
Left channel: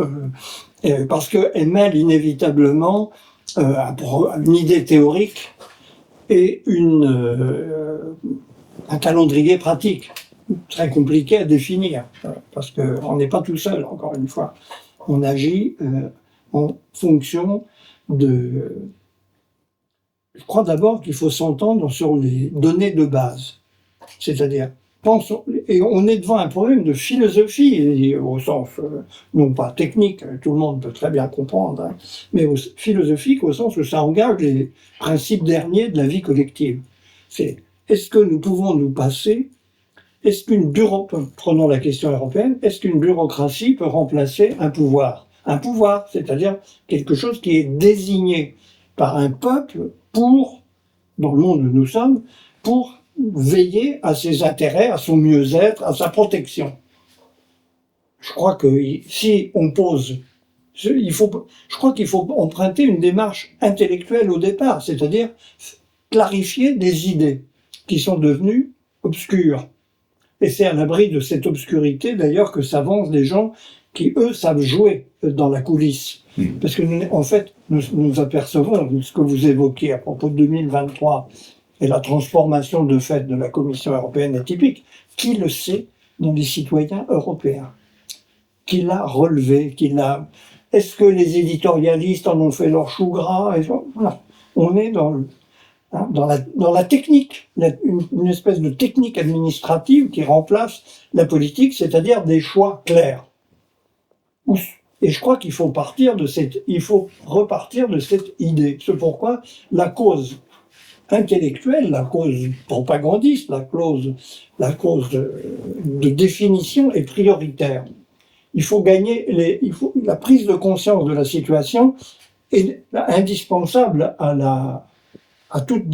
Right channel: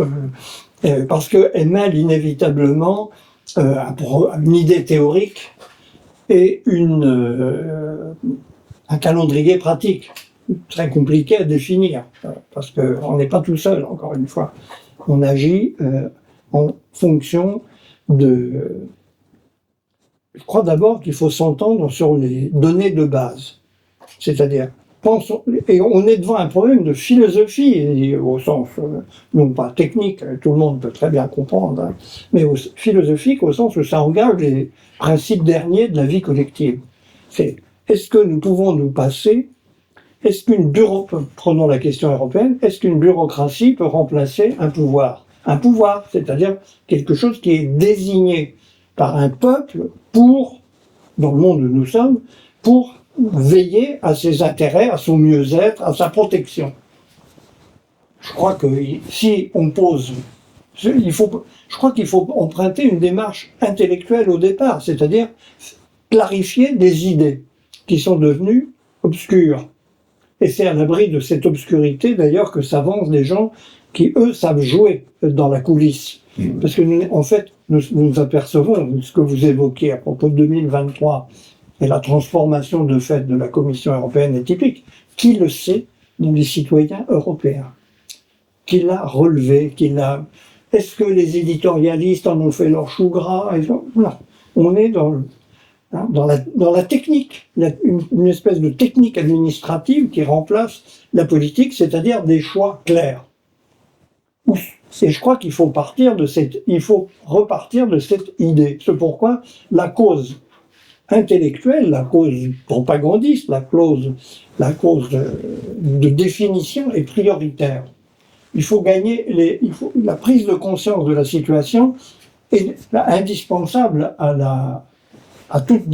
parce qu'elle mêle inévitablement une idée théorique et un calendrier pratique, très compliqué à définir, parce qu'on n'est pas tout seul, encore une fois. On agit en fonction de... Je crois d'abord qu'il faut s'entendre sur les données de base. C'est-à-dire, et on est devant un problème de philosophie, au sens, non pas technique, tout le monde peut très bien comprendre, hein, mais philosophique au sens où ça engage les principes derniers de la vie collective. C'est, est-ce que nous pouvons nous passer, prenons la question européenne, est-ce qu'une bureaucratie peut remplacer un pouvoir? Un pouvoir, c'est-à-dire quelque chose qui est désigné par un peuple dans le monde où nous sommes, pour veiller à ses intérêts, à son mieux-être, à sa protection. Je crois que si on pose, je crois qu'il faut emprunter une démarche intellectuelle au départ, c'est-à-dire clarifier des idées qui sont devenues obscures. Et c'est à l'abri de cette obscurité, d'ailleurs, que s'avancent des gens qui, eux, savent jouer dans la coulisse. Parce que, en fait, nous apercevons ce que vous évoquez à propos de 2023 et la transformation de fait de la Commission européenne est typique. Qui le sait dans les citoyens européens? Qui l'a relevé? Est-ce que les éditorialistes en ont fait leur chou gras? Non. On est dans la technique. Il y a une espèce de technique administrative qui remplace la politique, c'est-à-dire des choix clairs. Et je crois qu'il faut repartir de cette idée. C'est pourquoi la cause intellectuelle, la cause propagandiste, la cause de définition est prioritaire. Il faut gagner la prise de conscience de la situation est indispensable à toute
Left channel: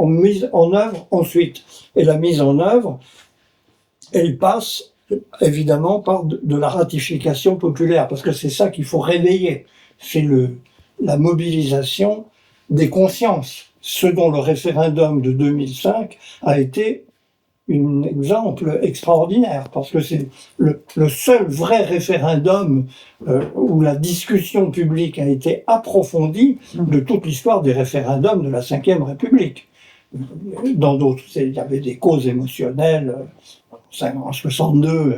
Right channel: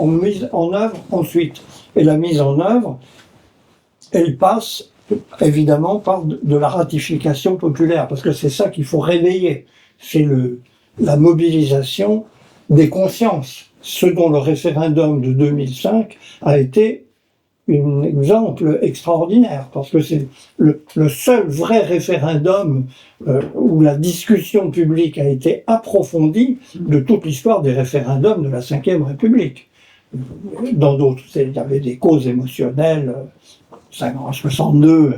mise en œuvre ensuite. Et la mise en œuvre, elle passe évidemment par de la ratification populaire, parce que c'est ça qu'il faut réveiller. C'est la mobilisation des consciences, ce dont le référendum de 2005 a été un exemple extraordinaire, parce que c'est le seul vrai référendum où la discussion publique a été approfondie de toute l'histoire des référendums de la Ve République. Dans d'autres, il y avait des causes émotionnelles, en 62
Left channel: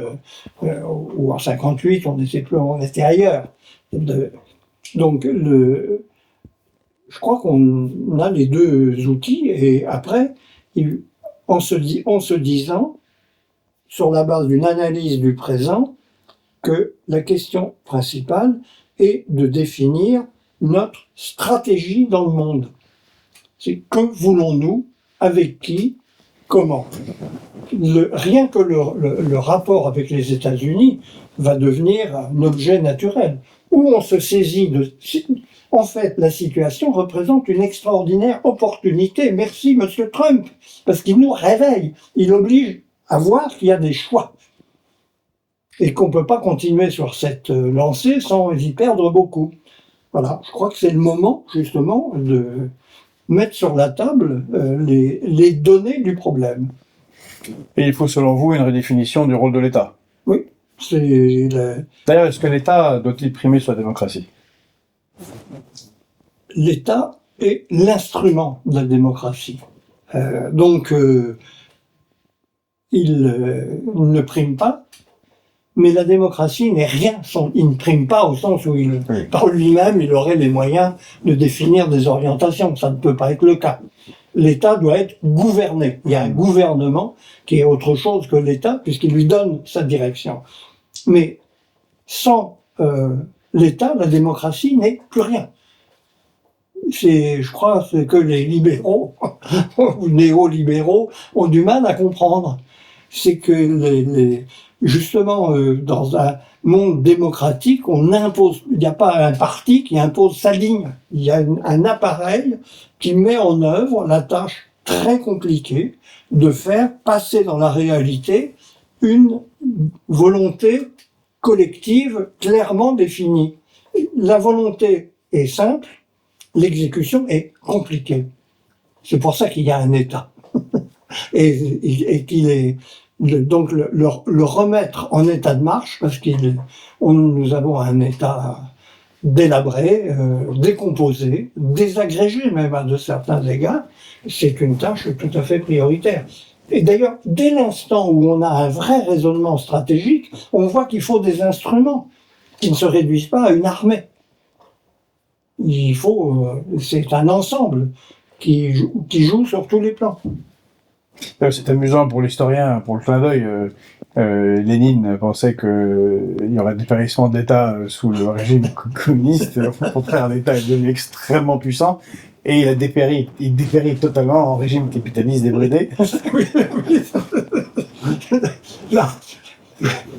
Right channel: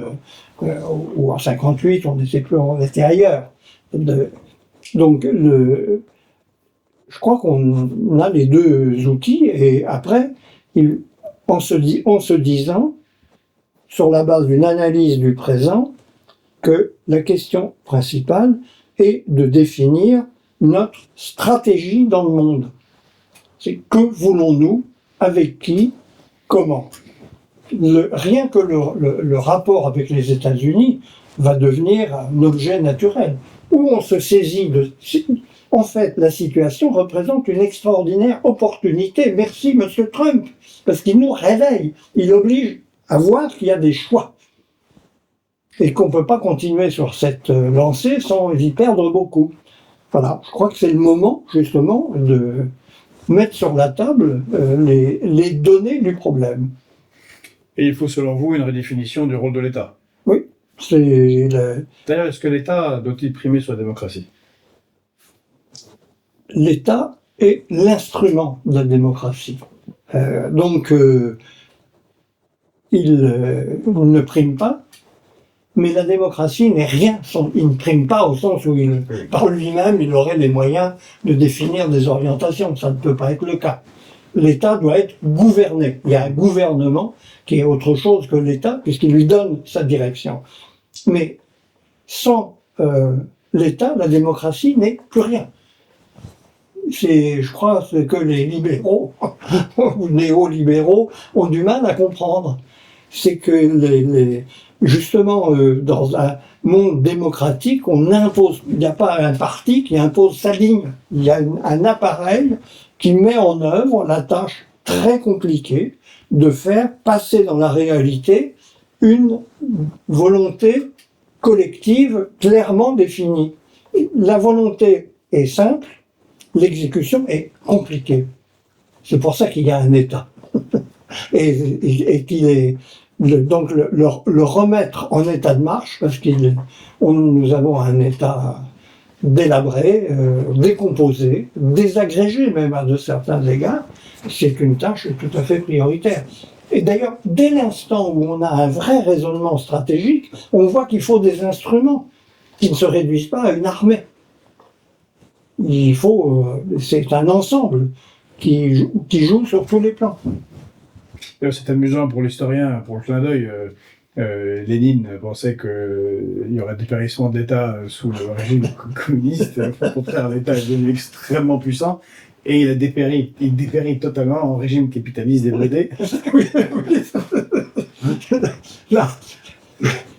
ou en 58, on était ailleurs. Donc, je crois qu'on a les deux outils, et après, en se disant, sur la base d'une analyse du présent, que la question principale est de définir notre stratégie dans le monde. C'est que voulons-nous, avec qui, comment. Rien que le rapport avec les États-Unis va devenir un objet naturel, où on se saisit de... En fait, la situation représente une extraordinaire opportunité. Merci, Monsieur Trump, parce qu'il nous réveille. Il oblige à voir qu'il y a des choix. Et qu'on ne peut pas continuer sur cette lancée sans y perdre beaucoup. Voilà, je crois que c'est le moment, justement, de mettre sur la table les données du problème. Et il faut, selon vous, une redéfinition du rôle de l'État. Oui, D'ailleurs, est-ce que l'État doit-il primer sur la démocratie? L'État est l'instrument de la démocratie. Donc, il ne prime pas, mais la démocratie n'est rien. Il ne prime pas au sens où par lui-même, il aurait les moyens de définir des orientations. Ça ne peut pas être le cas. L'État doit être gouverné. Il y a un gouvernement qui est autre chose que l'État, puisqu'il lui donne sa direction. Mais sans l'État, la démocratie n'est plus rien. Je crois que les libéraux, ou néolibéraux, ont du mal à comprendre. C'est que justement, dans un monde démocratique, on impose, il n'y a pas un parti qui impose sa ligne. Il y a un appareil qui met en œuvre la tâche très compliquée de faire passer dans la réalité une volonté collective clairement définie. La volonté est simple, l'exécution est compliquée. C'est pour ça qu'il y a un État. et qu'il est... Donc le remettre en état de marche, parce que nous avons un État délabré, décomposé, désagrégé même à de certains égards, c'est une tâche tout à fait prioritaire. Et d'ailleurs, dès l'instant où on a un vrai raisonnement stratégique, on voit qu'il faut des instruments qui ne se réduisent pas à une armée. C'est un ensemble qui joue sur tous les plans. C'est amusant pour l'historien, pour le clin d'œil. Lénine pensait qu'il y aurait dépérissement d'État sous le régime communiste. Au contraire, l'État est devenu extrêmement puissant et il dépérit totalement en régime capitaliste débridé. Là,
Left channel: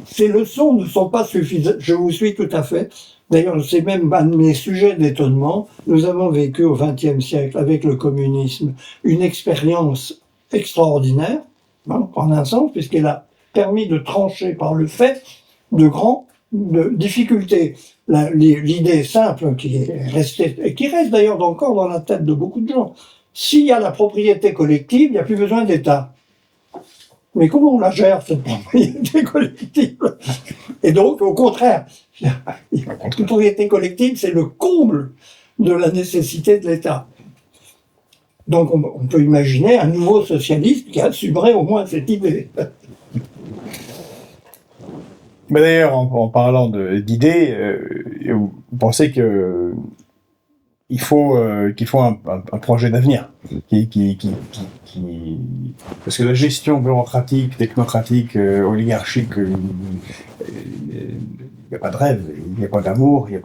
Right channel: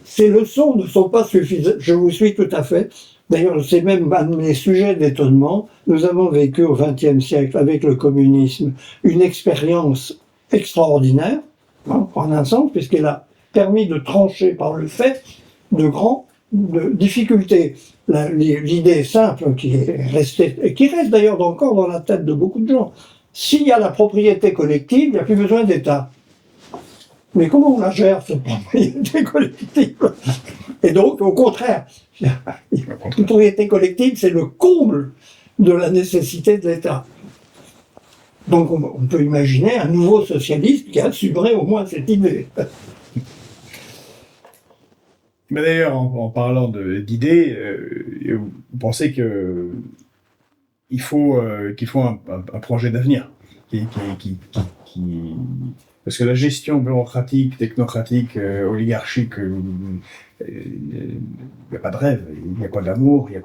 ces leçons ne sont pas suffisantes. Je vous suis tout à fait. D'ailleurs, c'est même un de mes sujets d'étonnement. Nous avons vécu au XXe siècle avec le communisme une expérience extraordinaire, en un sens, puisqu'elle a permis de trancher par le fait de difficultés. L'idée simple qui est restée, et qui reste d'ailleurs encore dans la tête de beaucoup de gens, s'il y a la propriété collective, il n'y a plus besoin d'État. Mais comment on la gère, cette propriété collective? Et donc, au contraire, la propriété collective, c'est le comble de la nécessité de l'État. Donc on peut imaginer un nouveau socialiste qui assumerait au moins cette idée. Mais d'ailleurs, en parlant d'idées, vous pensez qu'il faut un projet d'avenir parce que la gestion bureaucratique, technocratique, oligarchique, il n'y a pas de rêve, il n'y a pas d'amour, il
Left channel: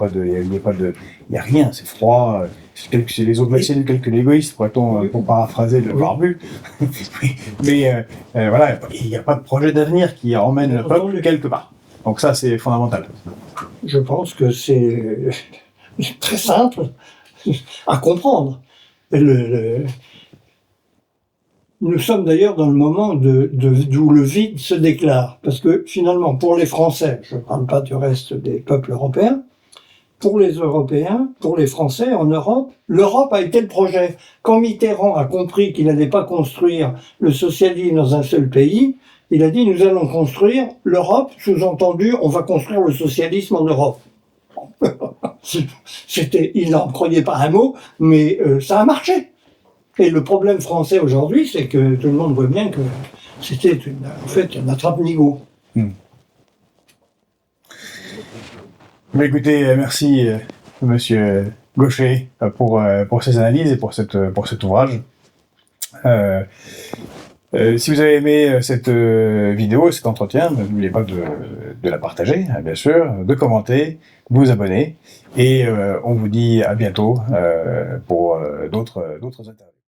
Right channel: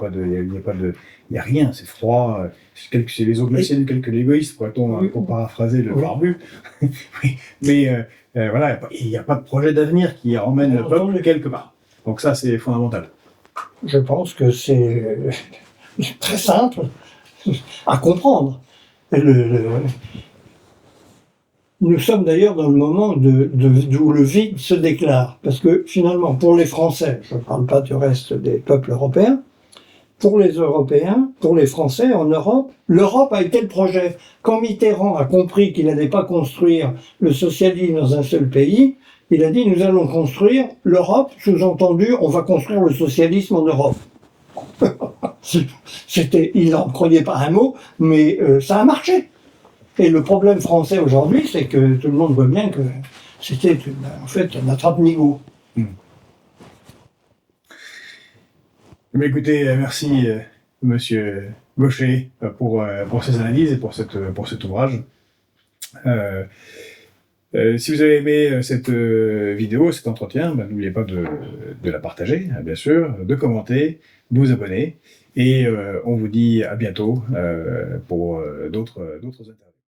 n'y a rien, c'est froid. c'est les autres vaccins que l'égoïste, pourrait-on pour paraphraser le barbu. Mais voilà, il n'y a pas de projet d'avenir qui emmène le peuple quelque part. Donc ça, c'est fondamental. Je pense que c'est très simple à comprendre. Nous sommes d'ailleurs dans le moment où le vide se déclare. Parce que finalement, pour les Français, je ne parle pas du reste des peuples européens, pour les Européens, pour les Français en Europe, l'Europe a été le projet. Quand Mitterrand a compris qu'il n'allait pas construire le socialisme dans un seul pays, il a dit nous allons construire l'Europe, sous-entendu on va construire le socialisme en Europe. Il n'en croyait pas un mot, mais ça a marché. Et le problème français aujourd'hui, c'est que tout le monde voit bien que c'était en fait un attrape-nigo. Mais écoutez, merci Monsieur Gaucher pour ces analyses et pour cet ouvrage. Si vous avez aimé cette vidéo, cet entretien, n'oubliez pas de la partager, bien sûr, de commenter, de vous abonner, et on vous dit à bientôt pour d'autres interviews.